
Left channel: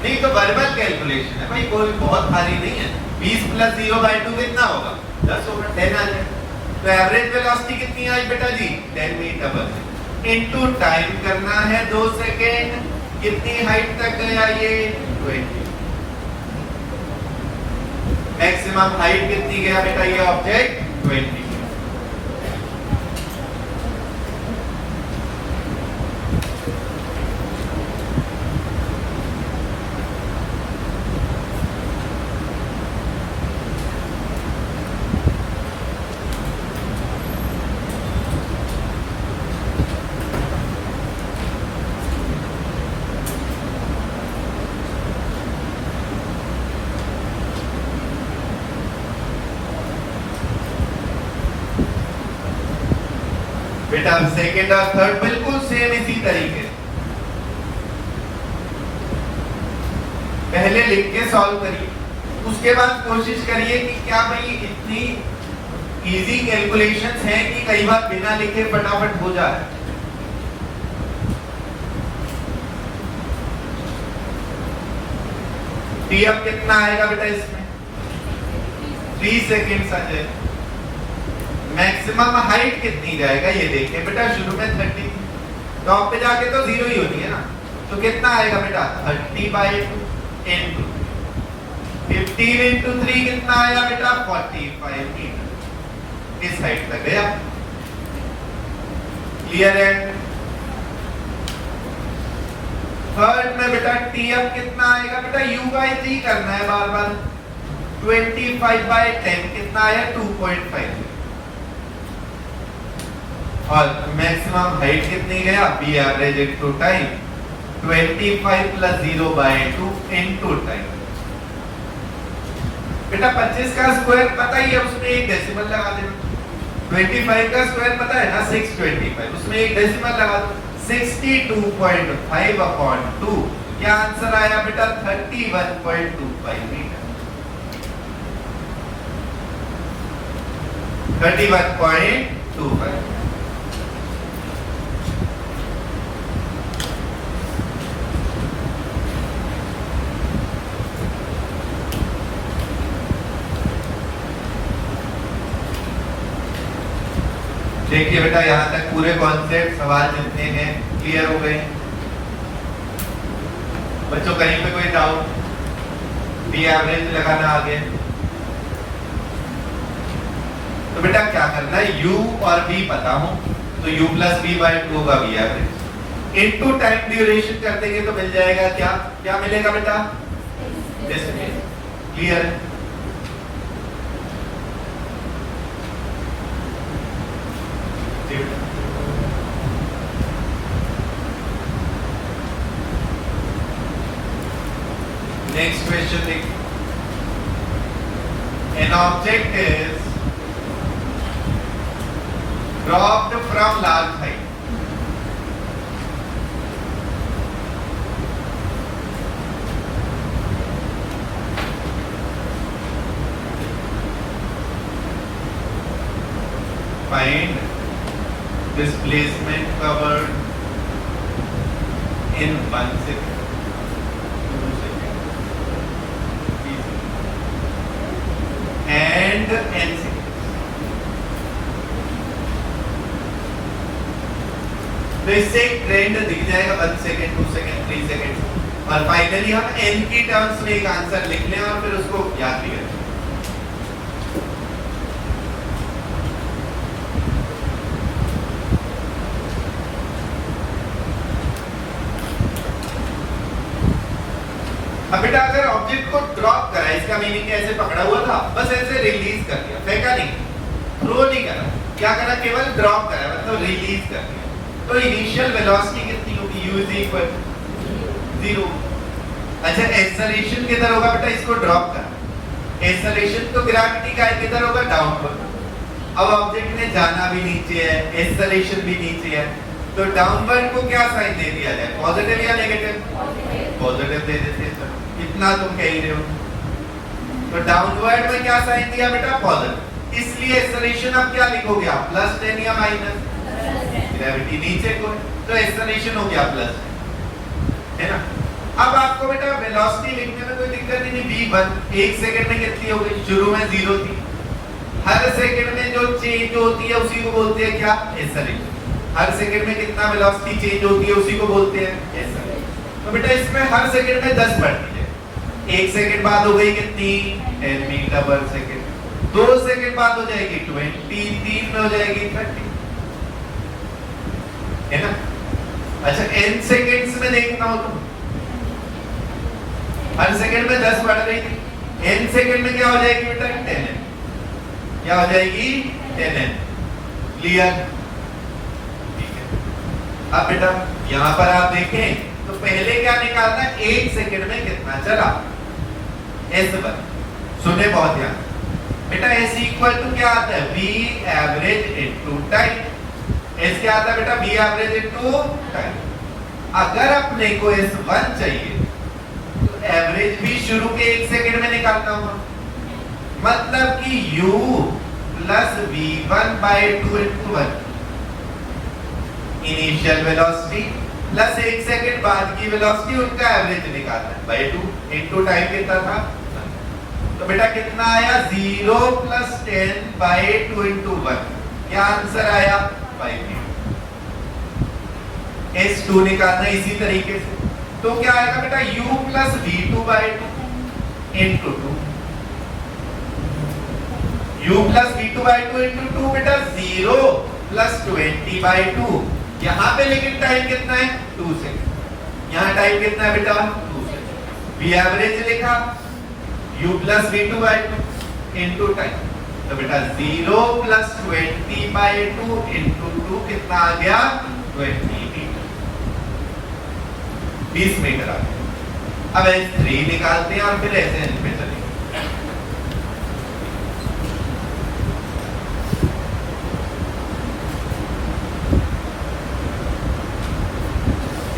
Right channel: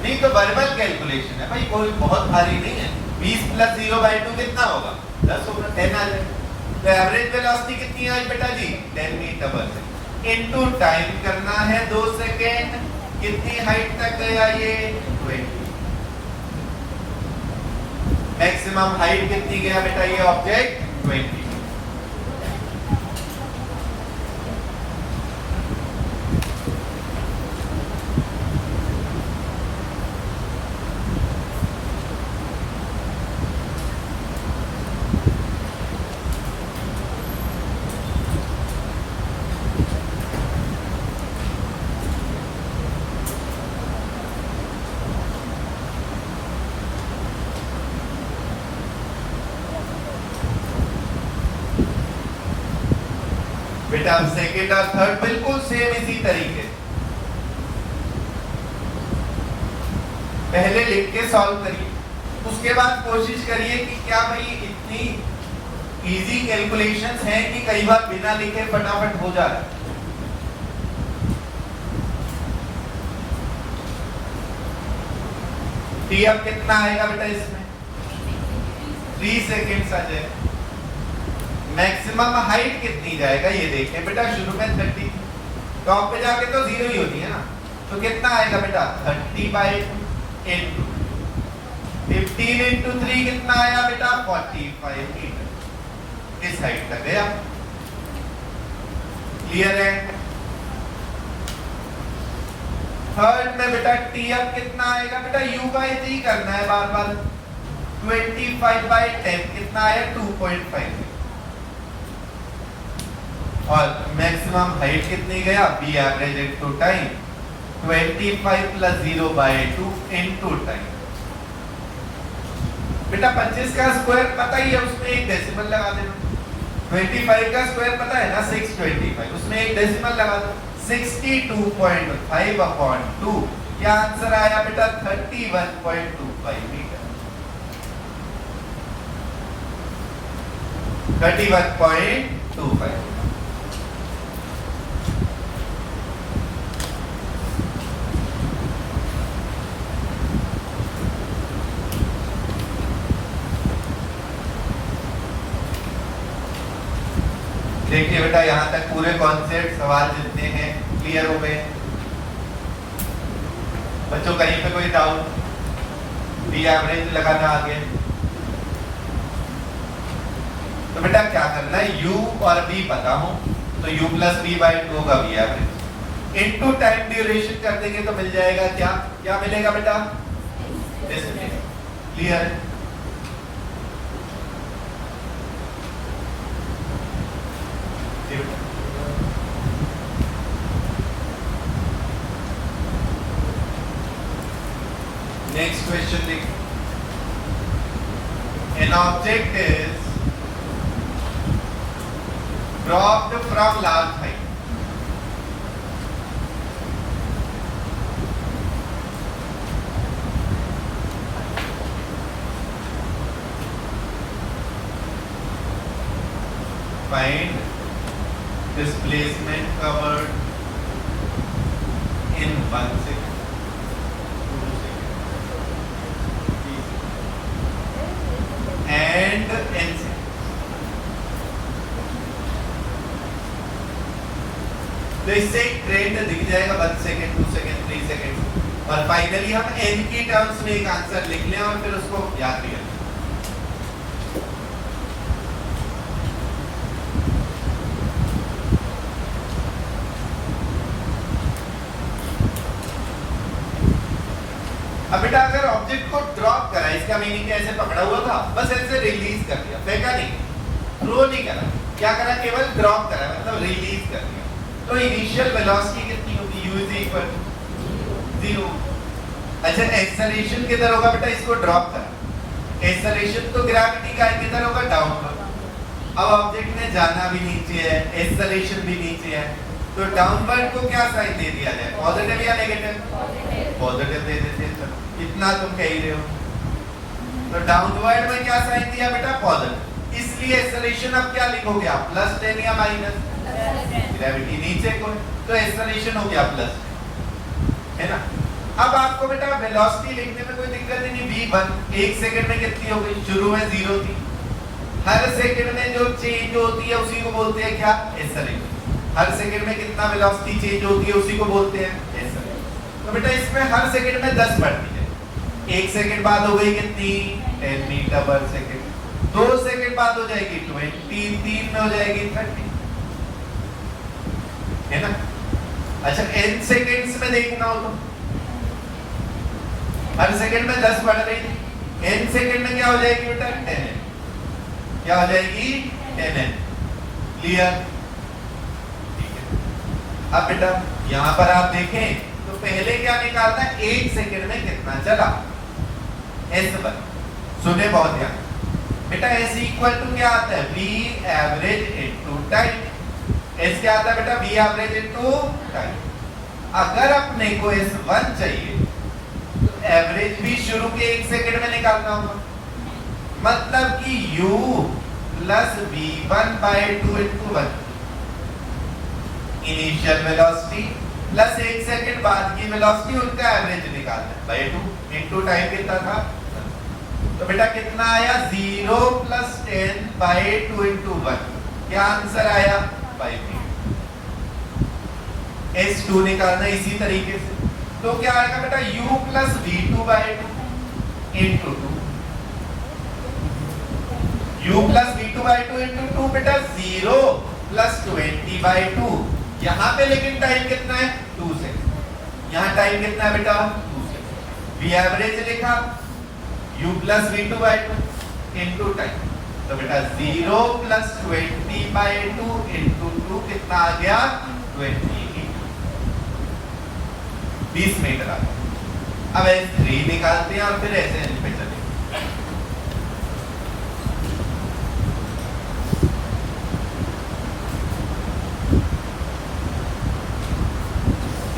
नहीं तो वर्बल कैलकुलेशन है भाई, कोई बहुत भारी नहीं है। 20 + 0/2 कितना होगा? 10 होगा, 10 आ जाएगा। तो एवरेज वेलोसिटी कितनी है बेटा जी? 10 मीटर इनटू टाइम करना है 2 सेकेंड। कितनी हाइट तक गया ये? 20। मैक्सिमम हाइट कितनी गया बेटा ये ऑब्जेक्ट? 20। बेटा सेकेंड और थर्ड बिल्कुल सेम इसी तरीके पहले लिख के सॉल्व करिए, उसके बाद कोशिश करिए कि क्या भाई इतनी इजी कैलकुलेशंस हैं कि कई बार बिना लिखे फटाफट हो जा रहा है। टी अब कितना आएगा बेटा इसमें? 3 सेकेंड्स आ जाए। मैक्सिमम हाइट कितनी जाएगा ये देखिए बेटा, शुरू में 30, टॉप पे जाके तो 0 ही होती है ना। तो कितना आएगा बेटा? 30/10। 15 × 3 कितना आया बेटा? 45 मीटर। इस हाइट तक गया। क्लियर है? थर्ड में बेटा टी अब कितना आएगा बेटा? u/3 करना है बार बार। 25/10 कितना आया? 2.5। और मैक्सिमम हाइट कितनी गया? b average into time. 25 + 0/2 into time. बेटा 25 का स्क्वायर पता ही है, उसमें एक डेसिमल लगा देना। 25 का स्क्वायर पता है ना? 625, उसमें एक डेसिमल लगा दो। 62.5/2। क्या आंसर आया बेटा? 31.25 मीटर। 31.25। देखिए बेटा यहाँ तक पूरे कॉन्सेप्ट सवाल जितने हैं क्लियर हो गए। बच्चों कहीं पे कोई डाउट? बी एवरेज लगाना आगे। तो बेटा क्या करना है? u और v पता हो तो u + v/2 होगा v average. Into time duration कर देंगे तो मिल जाएगा क्या? क्या मिलेगा बेटा? क्लियर है? Next question. An object is dropped from large height. Find displacement covered in 1 second. And n seconds. तो इससे एक ट्रेंड दिख जाएगा 1 सेकेंड, 2 सेकेंड, 3 सेकेंड और फाइनली हम n की टर्म्स में एक आंसर लिख लें और फिर उसको याद भी करें। अगर ऑब्जेक्ट को ड्रॉप करा, इसका मीनिंग ऐसे पकड़ा हुआ था, बस ऐसे रिलीज कर दिया, फेंका नहीं, थ्रो नहीं करा, क्या करा, केवल ड्रॉप करा, मतलब रिलीज कर दिया, तो इनिशियल वेलोसिटी कितनी होगी, u इज इक्वल टू 0। अच्छा, एक्सेलरेशन किधर होगा बेटा, इसको ड्रॉप करा, एक्सेलरेशन तो ग्रेविटी का किधर होगा, डाउनवर्ड। अब ऑब्जेक्ट ने जाना भी नीचे है, एक्सेलरेशन भी नीचे है, तो डाउनवर्ड को क्या साइन दे दिया जाए, पॉजिटिव या नेगेटिव, पॉजिटिव दे देते, इतना तुम कह रहे हो। तो डाउनवर्ड में क्या साइन दिया बेटा, पॉजिटिव, इसलिए एक्सेलरेशन अब क्या लिखोगे आप, +10 या माइनस, ग्रेविटी नीचे को, तो एक्सेलरेशन हो गया प्लस, है ना। अब आपको बेटा वेलोसिटी लिखने में कोई दिक्कत नहीं, v1 1 सेकंड में कितनी हो गई, शुरू में 0 थी, हर सेकंड में जो चेंज होती है उसी को बोलते हैं क्या, एक्सेलरेशन। हर सेकंड में कितना वेलोसिटी चेंज होती है उसी को बोलते हैं एक्सेलरेशन। तो बेटा इसमें हर सेकंड में 10 बढ़ती है, 1 सेकंड बाद हो गई कितनी, 10 मीटर पर सेकंड, 2 सेकंड बाद हो जाएगी 20, 3 में हो जाएगी 30, है ना। अच्छा, n सेकंड्स में देखना हो तो हर सेकंड में 10 बढ़ रही थी, n सेकंड में क्या हो जाएगी बेटा, 10n, क्या हो जाएगी, 10n, क्लियर। अब बेटा यहाँ पर आप देखें तो पहले क्या निकालना है, 1 सेकंड में कितना चला, S1, सुने बहुत ध्यान बेटा, S इक्वल टू क्या आता है, V average into time, S क्या आता है बेटा, V एवरेज इनटू टाइम। अगर अपने को S1 चाहिए तो एवरेज भी शुरू के 1 सेकंड में निकालना होगा, मतलब कि U plus V1/2 into 1, initial velocity plus 1 second बाद की वेलोसिटी, उनका एवरेज निकालना है, बाय 2 इनटू टाइम कितना था, तो बेटा कितना आया, 0 प्लस 10/2 इनटू 1, क्या आंसर आया, 5 मिनट। S2 निकालना इसी तरीके से, तो क्या आएगा बेटा, U plus V2/2 into 2, U plus V2/2 into 2 बेटा 0 प्लस 20/2, यहाँ पे लेकिन टाइम कितना है, 2 सेकंड, यहाँ टाइम कितना है बेटा, 2 सेकंड। V एवरेज लिखा, U plus V2/2 into time, तो बेटा 0 प्लस 20/2 इनटू 2 कितना आ गया, 20 मीटर आ गया। अब S3 निकालते हैं और फिर ऐसे पे चलेंगे।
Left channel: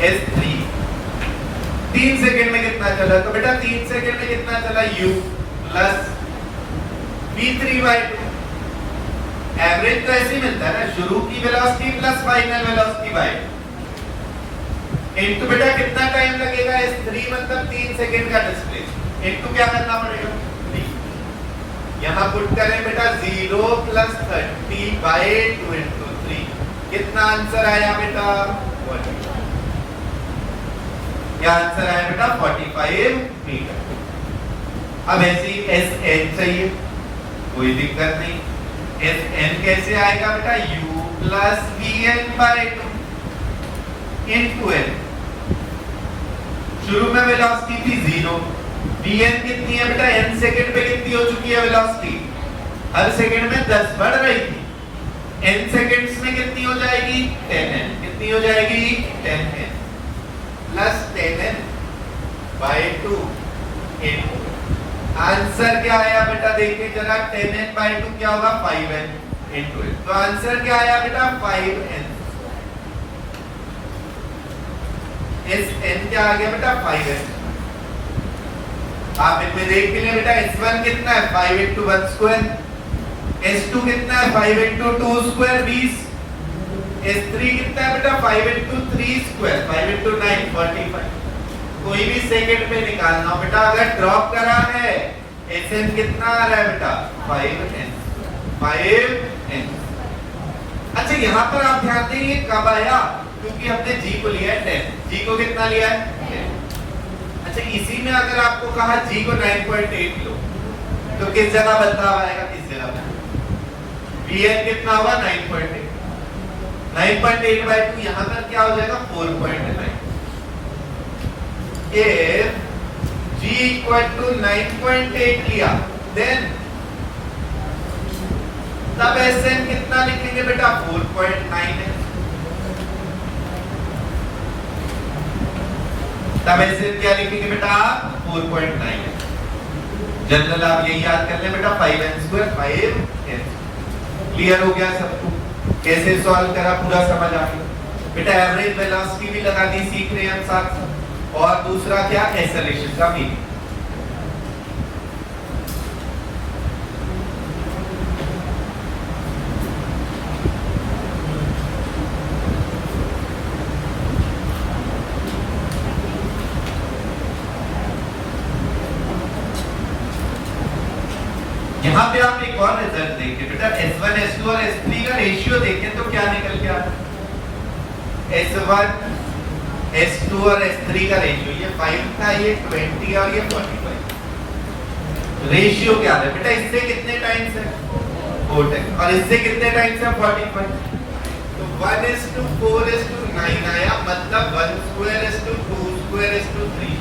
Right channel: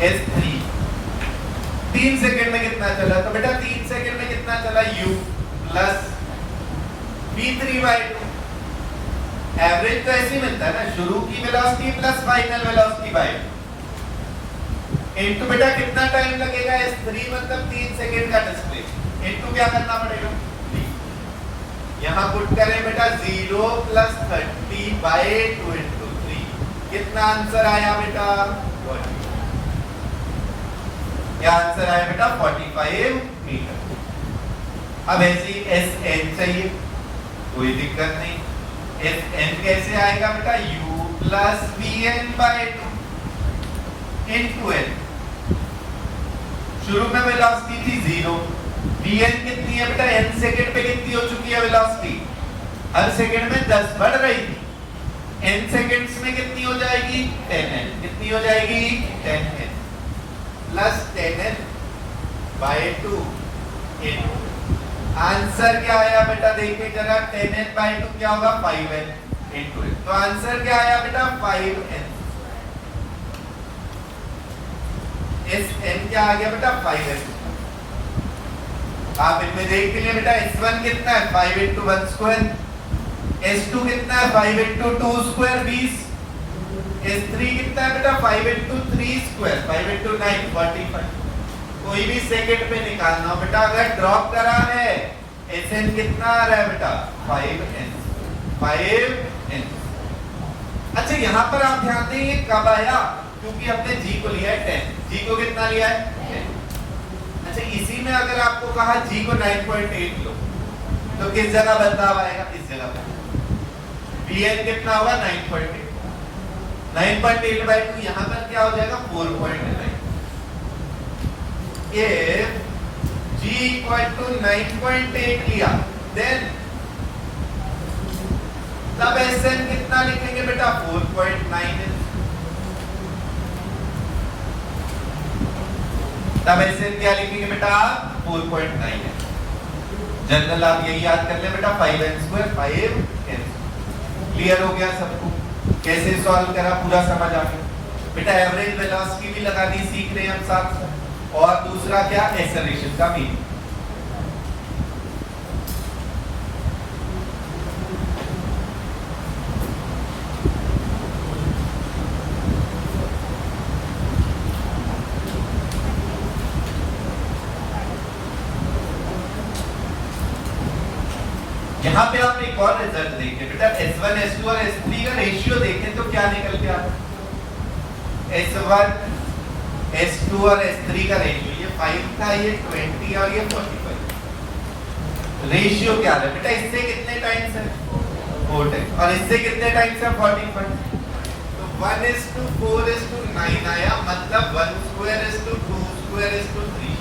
S3 3 सेकंड में कितना चला, तो बेटा 3 सेकंड में कितना चला, U प्लस V3/2, एवरेज तो ऐसे ही मिलता है ना, शुरू की velocity plus final velocity bye, into बेटा कितना टाइम लगेगा, S3 मतलब 3 सेकंड का डिस्प्लेसमेंट, इनटू क्या करना पड़ेगा, यहाँ पुट करें बेटा 0 प्लस 30/2 इनटू 3, कितना आंसर आया बेटा, क्या आंसर आया बेटा, 45 मीटर। अब ऐसी Sn चाहिए, कोई दिक्कत नहीं, Sn कैसे आएगा बेटा, U plus Vn/2 into n, शुरू में वेलोसिटी थी 0, Vn कितनी है बेटा, n सेकंड पे कितनी हो चुकी है वेलोसिटी, हर सेकंड में 10 बढ़ रही थी, n सेकंड्स में कितनी हो जाएगी, 10n, कितनी हो जाएगी, 10n plus 10n/2 into, answer क्या आया बेटा, देखिए जरा, 10n/2 क्या होगा, 5n इनटू, तो आंसर क्या आया बेटा, 5n। Sn क्या आ गया बेटा, 5n। आप इनमें देख के लिए बेटा, S1 कितना है, 5 इनटू 1 स्क्वायर, S2 कितना है, 5 इनटू 2 स्क्वायर 20, S3 कितना है बेटा, 5 इनटू 3 स्क्वायर, 5 इनटू 9 45, कोई भी सेकंड में निकालना हो बेटा, अगर ड्रॉप करा है, Sn कितना आ रहा है बेटा, 5n। अच्छा, यहाँ पर आप ध्यान देंगे कब आया, क्योंकि हमने G को लिया है 10, G को कितना लिया है 10। अच्छा, इसी में अगर आपको कहा G को 9.8 लो, तो किस जगह बदलाव आएगा, इस जगह पर, Vn कितना होगा, 9.8, 9.8/2, यहाँ पर क्या हो जाएगा, 4.9। If G इक्वल टू 9.8 लिया, देन तब Sn कितना लिखेंगे बेटा 4.9 है, तब Sn क्या लिखेंगे बेटा 4.9 है। जनरल आप ये याद कर लें बेटा 5n² 5n। क्लियर हो गया सबको? कैसे सॉल्व करा पूरा समझ आ गया बेटा। एवरेज वेलोसिटी भी लगा दी, सीख रहे हम साथ। और दूसरा क्या, एक्सेलरेशन का मीनिंग। यहाँ पे आप एक और रिजल्ट देखें बेटा, S1 S2 और S3 का रेशियो देखें तो क्या निकल के आता है। S1 S2 और S3 का रेशियो ये 5 था, ये 20 और ये 45। रेशियो क्या है बेटा, इससे कितने टाइम्स है 4 टाइम्स, और इससे कितने टाइम्स है 45। तो 1:4:9 आया, मतलब 1/2:2/3।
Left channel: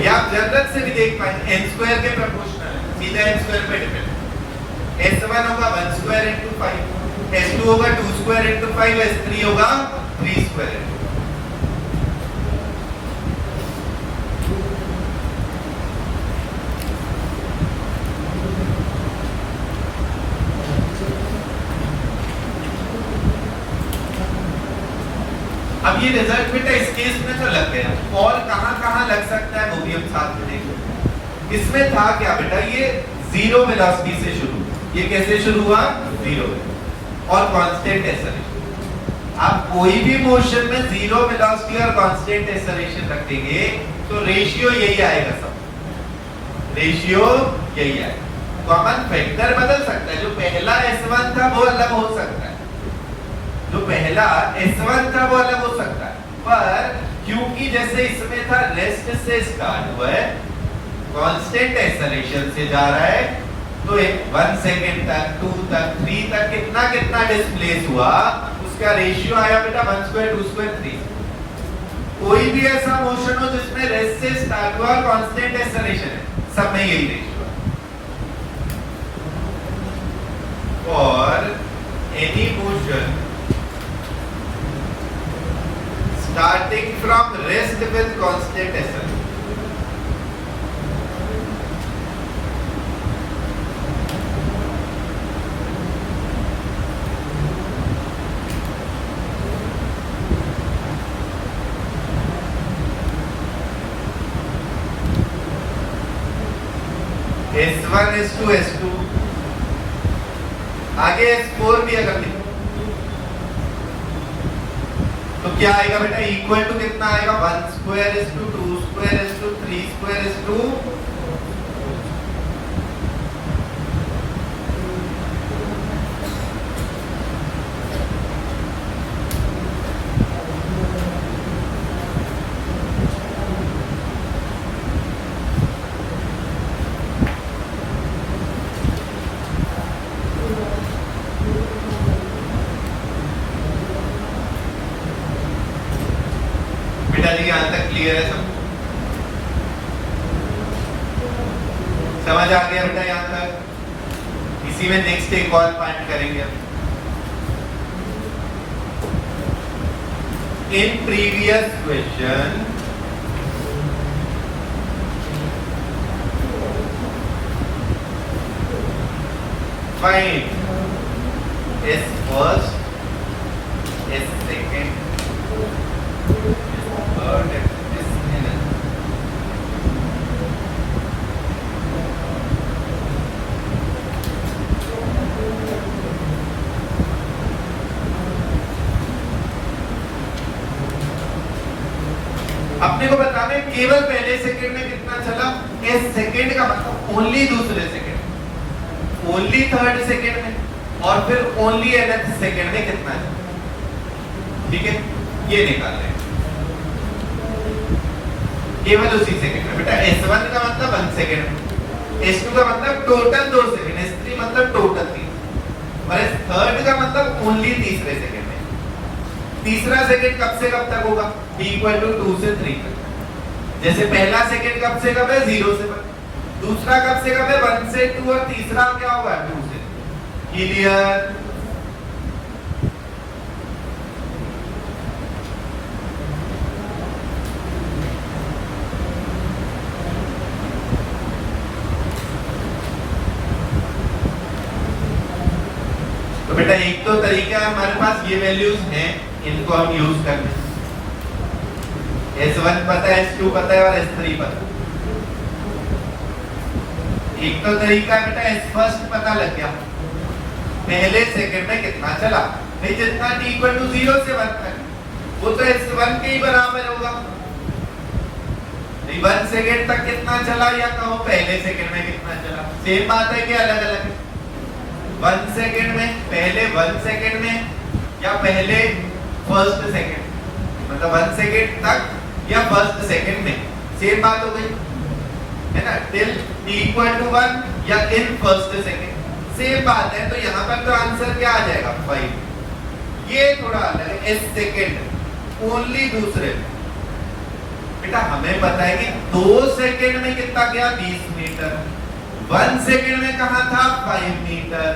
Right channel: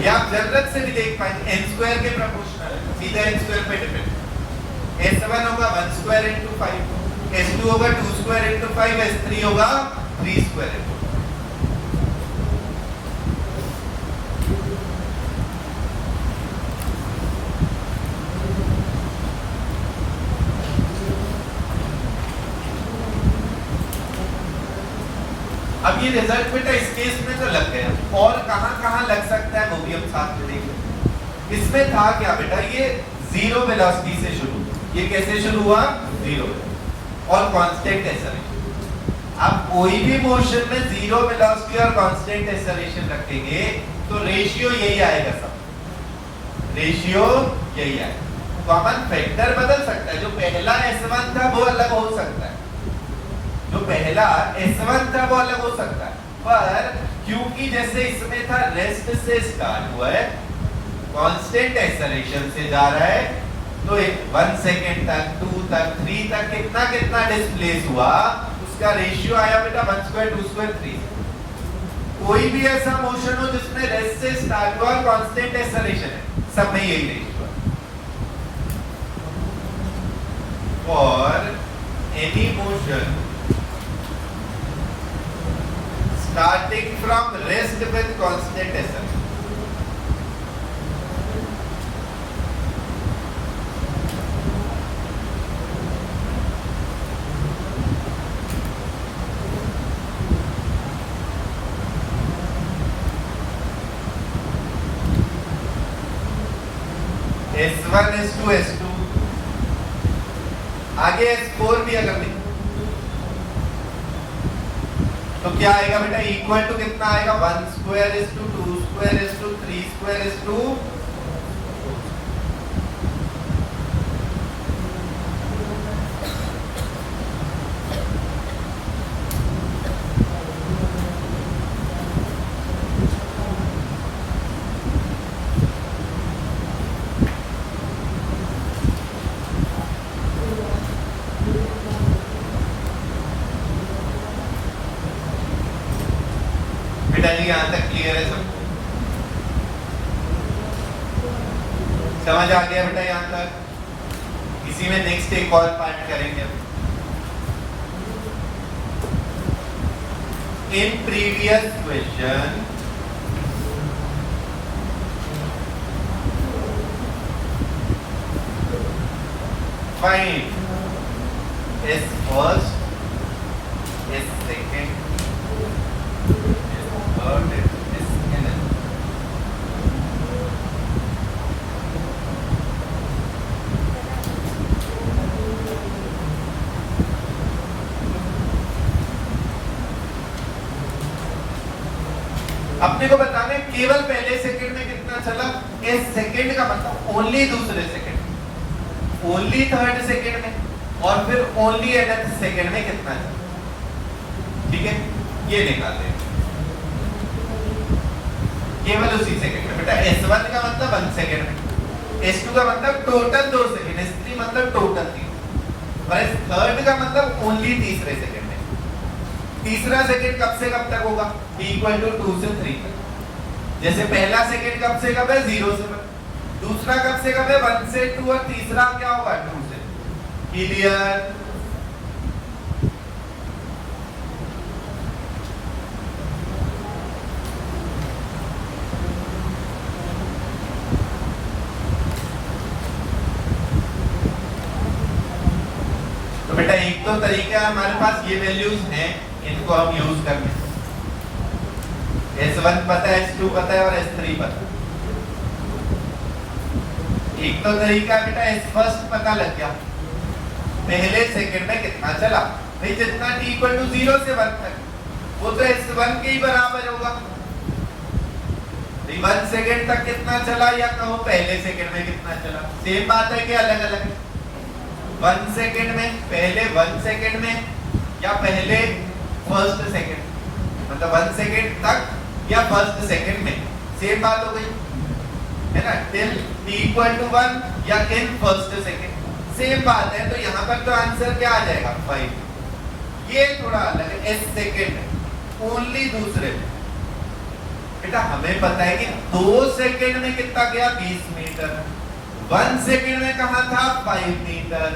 या आप जनरल से भी देख पाएंगे n² के प्रोपोर्शनल है, सीधा n² पे डिपेंड। S1 होगा 1² into 5, S2 होगा 2² into 5, S3 होगा 3² into 5। अब ये रिजल्ट बेटा इस केस में तो लग गया, और कहां-कहां लग सकता है वो भी हम साथ में देखेंगे। इसमें था क्या बेटा, ये जीरो वेलोसिटी से शुरू, ये कैसे शुरू हुआ, जीरो और कांस्टेंट एक्सेलरेशन। आप कोई भी मोशन में जीरो वेलोसिटी और कांस्टेंट एक्सेलरेशन रखेंगे तो रेशियो यही आएगा, सब रेशियो यही आएगा। कॉमन फैक्टर बदल सकता है, जो पहला S1 था वो अलग हो सकता है, जो पहला S1 था वो अलग हो सकता है, पर क्योंकि जैसे इसमें था रेस्ट से स्टार्ट हुआ है, कांस्टेंट एक्सेलरेशन से जा रहा है, तो 1 सेकंड तक 2 तक 3 तक कितना कितना डिस्प्लेस हुआ, उसका रेशियो आया बेटा 1² 2² 3। कोई भी ऐसा मोशन हो जिसमें रेस्ट से स्टार्ट हुआ कांस्टेंट एक्सेलरेशन है, सब में यही रेशियो है। और any motion starting from rest with constant acceleration, S1 S2 S2 आगे S4 भी अगर लिखो तो क्या आएगा बेटा, इक्वल टू कितना आएगा 1² 2² 3² यहां तक क्लियर है सब? समझ आ गया बेटा यहां तक? इसी में नेक्स्ट एक और पार्ट करेंगे। In previous question find S first, S second, अपने को बताना है केवल पहले सेकंड में कितना चला, इस सेकंड का मतलब ओनली दूसरे सेकंड, ओनली थर्ड सेकंड में, और फिर ओनली nth सेकंड में कितना चला। ठीक है, ये निकाल रहे हैं केवल उसी सेकंड में। बेटा S1 का मतलब 1 सेकंड, S2 का मतलब टोटल 2 सेकंड, S3 मतलब टोटल 3, और S3 का मतलब ओनली तीसरे सेकंड में। तीसरा सेकंड कब से कब तक होगा? इक्वल टू 2 से 3 तक। जैसे पहला सेकंड कब से कब है? 0 से 1, दूसरा कब से कब है? 1 से 2, और तीसरा क्या होगा? 2 से। क्लियर? तो बेटा एक तो तरीका है हमारे पास, ये वैल्यूज हैं, इनको हम यूज करते हैं। S1 पता है, S2 पता है और S3 पता है। एक तो तरीका है बेटा S फर्स्ट पता लग गया, पहले सेकंड में कितना चला, नहीं जितना t इक्वल टू 0 से 1 तक, वो तो S1 के ही बराबर होगा। 1 सेकंड तक कितना चला, या कहो पहले सेकंड में कितना चला, सेम बात है कि अलग अलग है? 1 सेकंड में, पहले 1 सेकंड में, या पहले फर्स्ट सेकंड, मतलब 1 सेकंड तक या फर्स्ट सेकंड में, सेम बात हो गई है ना? टिल t इक्वल टू 1 या इन फर्स्ट सेकंड, सेम बात है। तो यहाँ पर तो आंसर क्या आ जाएगा? 5। ये थोड़ा अलग है, s सेकंड ओनली दूसरे में। बेटा हमें पता है कि 2 सेकंड में कितना गया? 20 मीटर। 1 सेकंड में कहा था? 5 मीटर।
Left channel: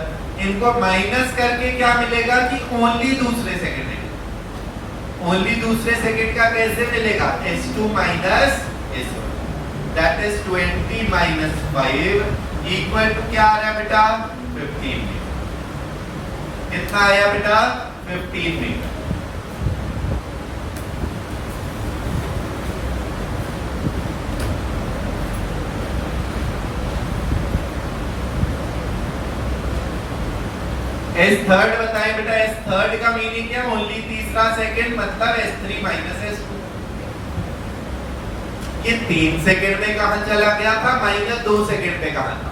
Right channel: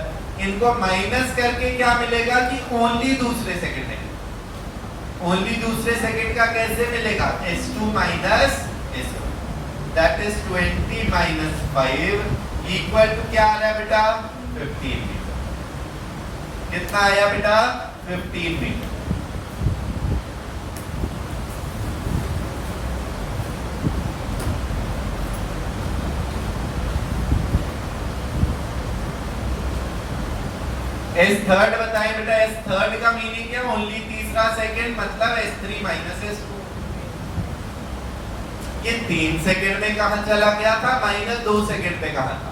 इनको माइनस करके क्या मिलेगा कि ओनली दूसरे सेकंड में, ओनली दूसरे सेकंड का कैसे मिलेगा? s2 minus s1, that is 20 minus 5 equal to क्या आ रहा है बेटा? 15 मीटर। कितना आया बेटा? 15 मीटर। S थर्ड बताए बेटा, S थर्ड का मीनिंग है ओनली तीसरा सेकंड, मतलब S3 माइनस S2। ये 3 सेकंड में कहां चला गया था? -2 सेकंड पे कहा था।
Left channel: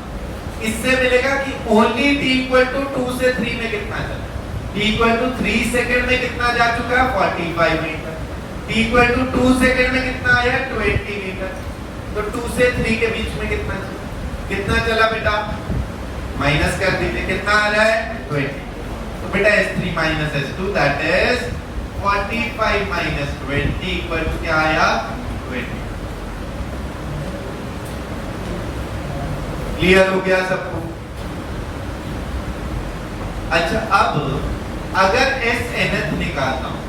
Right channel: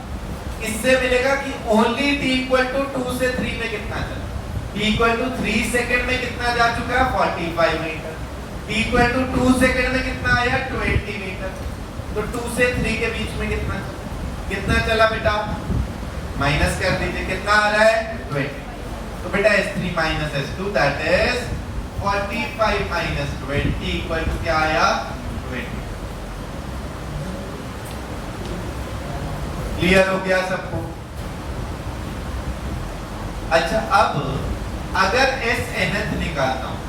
इससे मिलेगा कि ओनली t इक्वल टू 2 से 3 में कितना चला, t इक्वल टू 3 सेकंड में कितना जा चुका है? 45 meter. t equal to 2 second में कितना आया? 20 मीटर। तो 2 से 3 के बीच में कितना चला बेटा? माइनस कर दीजिए, कितना आ रहा है? 20। तो बेटा S3 minus S2 that is 45 minus 20 equal to क्या आया? 20। क्लियर हो गया सबको? अच्छा, अब अगर S nth निकालता हूं,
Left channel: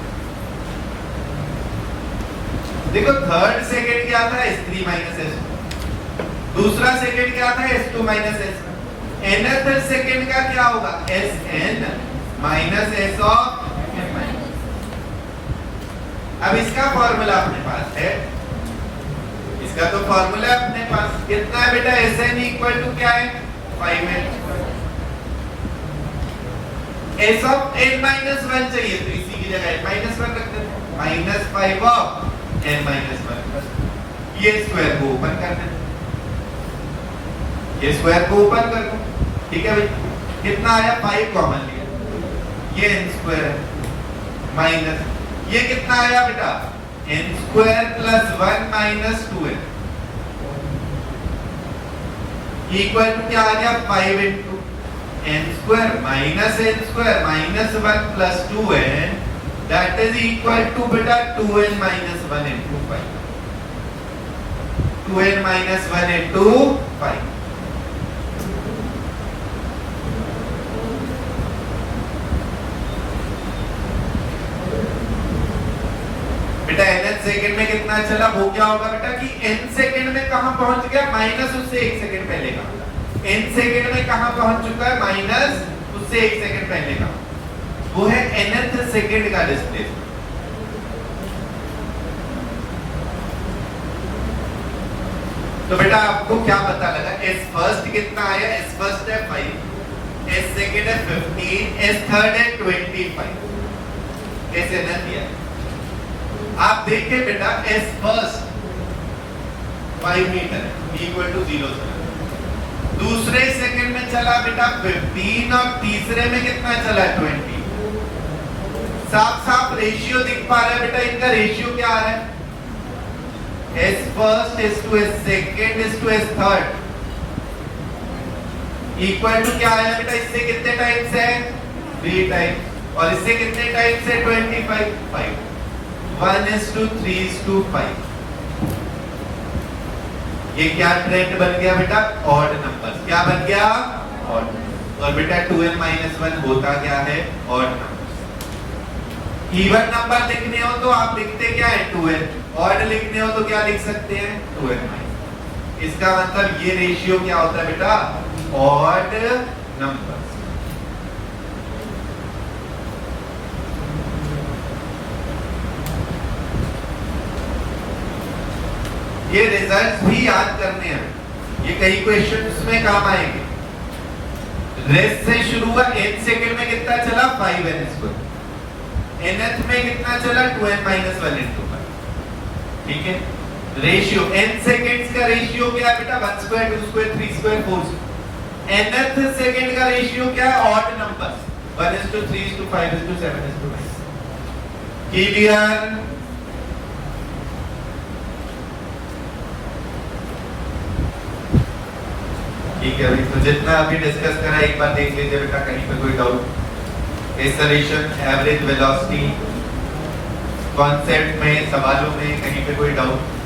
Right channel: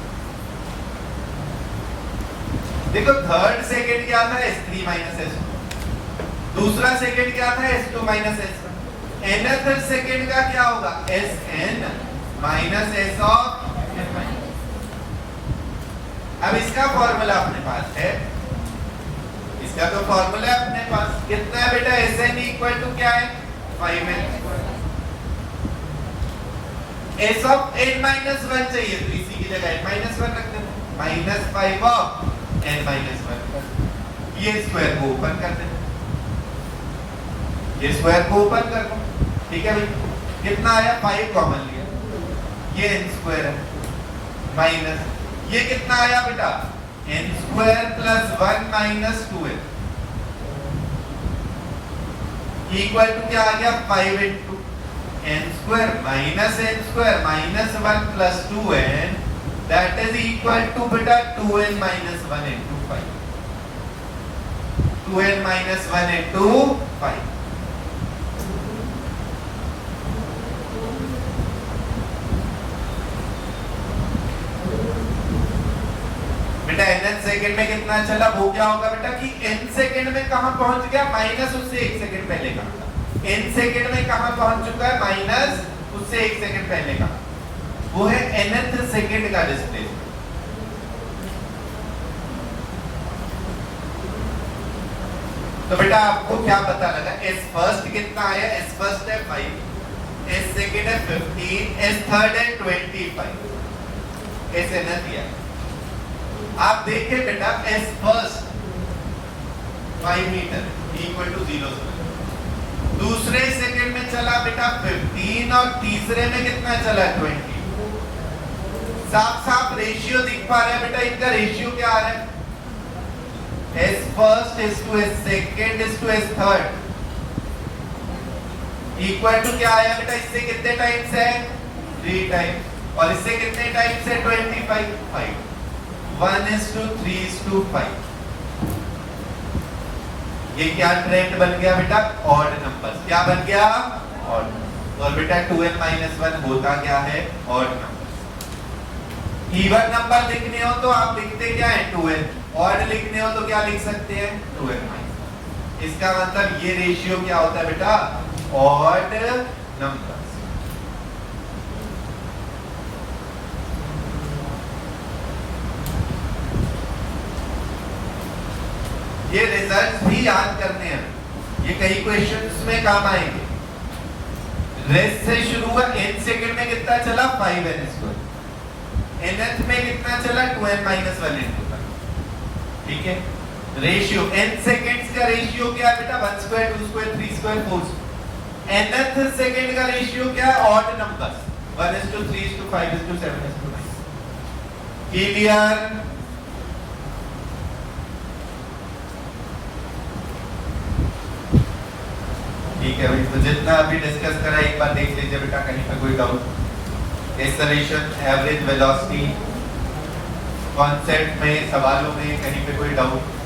देखो थर्ड सेकंड क्या था? S3 माइनस S2, दूसरा सेकंड क्या था? S2 minus S1। nth second का क्या होगा? Sn minus S of n। अब इसका फॉर्मूला अपने पास है, इसका तो फॉर्मूला अपने पास कितना है बेटा? Sn इक्वल टू क्या है? 5n। S of n minus 1 चाहिए, तो इसी की जगह -1 रख देते हैं, -5 ऑफ n माइनस 1। ये स्क्वायर को ओपन कर देते, ये स्क्वायर को ओपन कर दो, ठीक है भाई? कितना आया? 5 कॉमन लिया, ये n स्क्वायर माइनस ये कितना आया बेटा? n square plus 1 minus 2n equal to क्या आ गया? 5 into n square minus n square minus 1 plus 2n that is equal to बेटा 2n minus 1 into 5। 2n minus 1 into 5। बेटा n सेकंड में कितना चला? वो क्या होगा बेटा कि n सेकंड में कहां पहुंच गया? माइनस उससे 1 सेकंड पहले का। n सेकंड में कहां पहुंच चुका है? माइनस उससे 1 सेकंड पहले का, वो है nth सेकंड का डिस्प्लेसमेंट। तो बेटा आपको क्या पता लगा? S फर्स्ट कितना आया? S फर्स्ट है 5, S सेकंड है 15, S थर्ड है 25। ऐसे ना दिया। आप देखिए बेटा S first 5 meter equal to 0 से, दूसरे सेकंड में चला बेटा 15 और तीसरे में कितना चला? 20। साफ साफ रेशियो दिख पा रहा है बेटा, इनका रेशियो क्या आ रहा है? S first is to S second is to S third equal to क्या आया बेटा? इससे कितने टाइम्स है? 3 टाइम्स। और इससे कितने टाइम्स है 25 5 1:3:5 ये क्या ट्रेंड बन गया बेटा ऑड नंबर्स क्या बन गया ऑड और बेटा 2n - 1 होता क्या है ऑड नंबर्स इवन नंबर लिखने हो तो आप लिखते क्या है 2n ऑड लिखने हो तो क्या लिख सकते हैं 2n इसका मतलब ये रेशियो क्या होता है बेटा ऑड नंबर्स ये रिजल्ट्स भी याद करने हैं ये कई क्वेश्चंस में काम आएंगे रेस से शुरू हुआ n सेकंड में कितना चला 5n², nth में कितना चला 2n - 1 into 1 ठीक है रेशियो n सेकंड्स का रेशियो क्या है बेटा 1 square 2 square 3 square 4 nth second का रेशियो क्या है ऑड नंबर्स 1:3:5:7 क्लियर ठीक है तो जितना अभी डिस्कस करा एक बार देख लीजिए बेटा कहीं पे कोई doubt acceleration average velocity concept में सवालों में कहीं पे कोई डाउट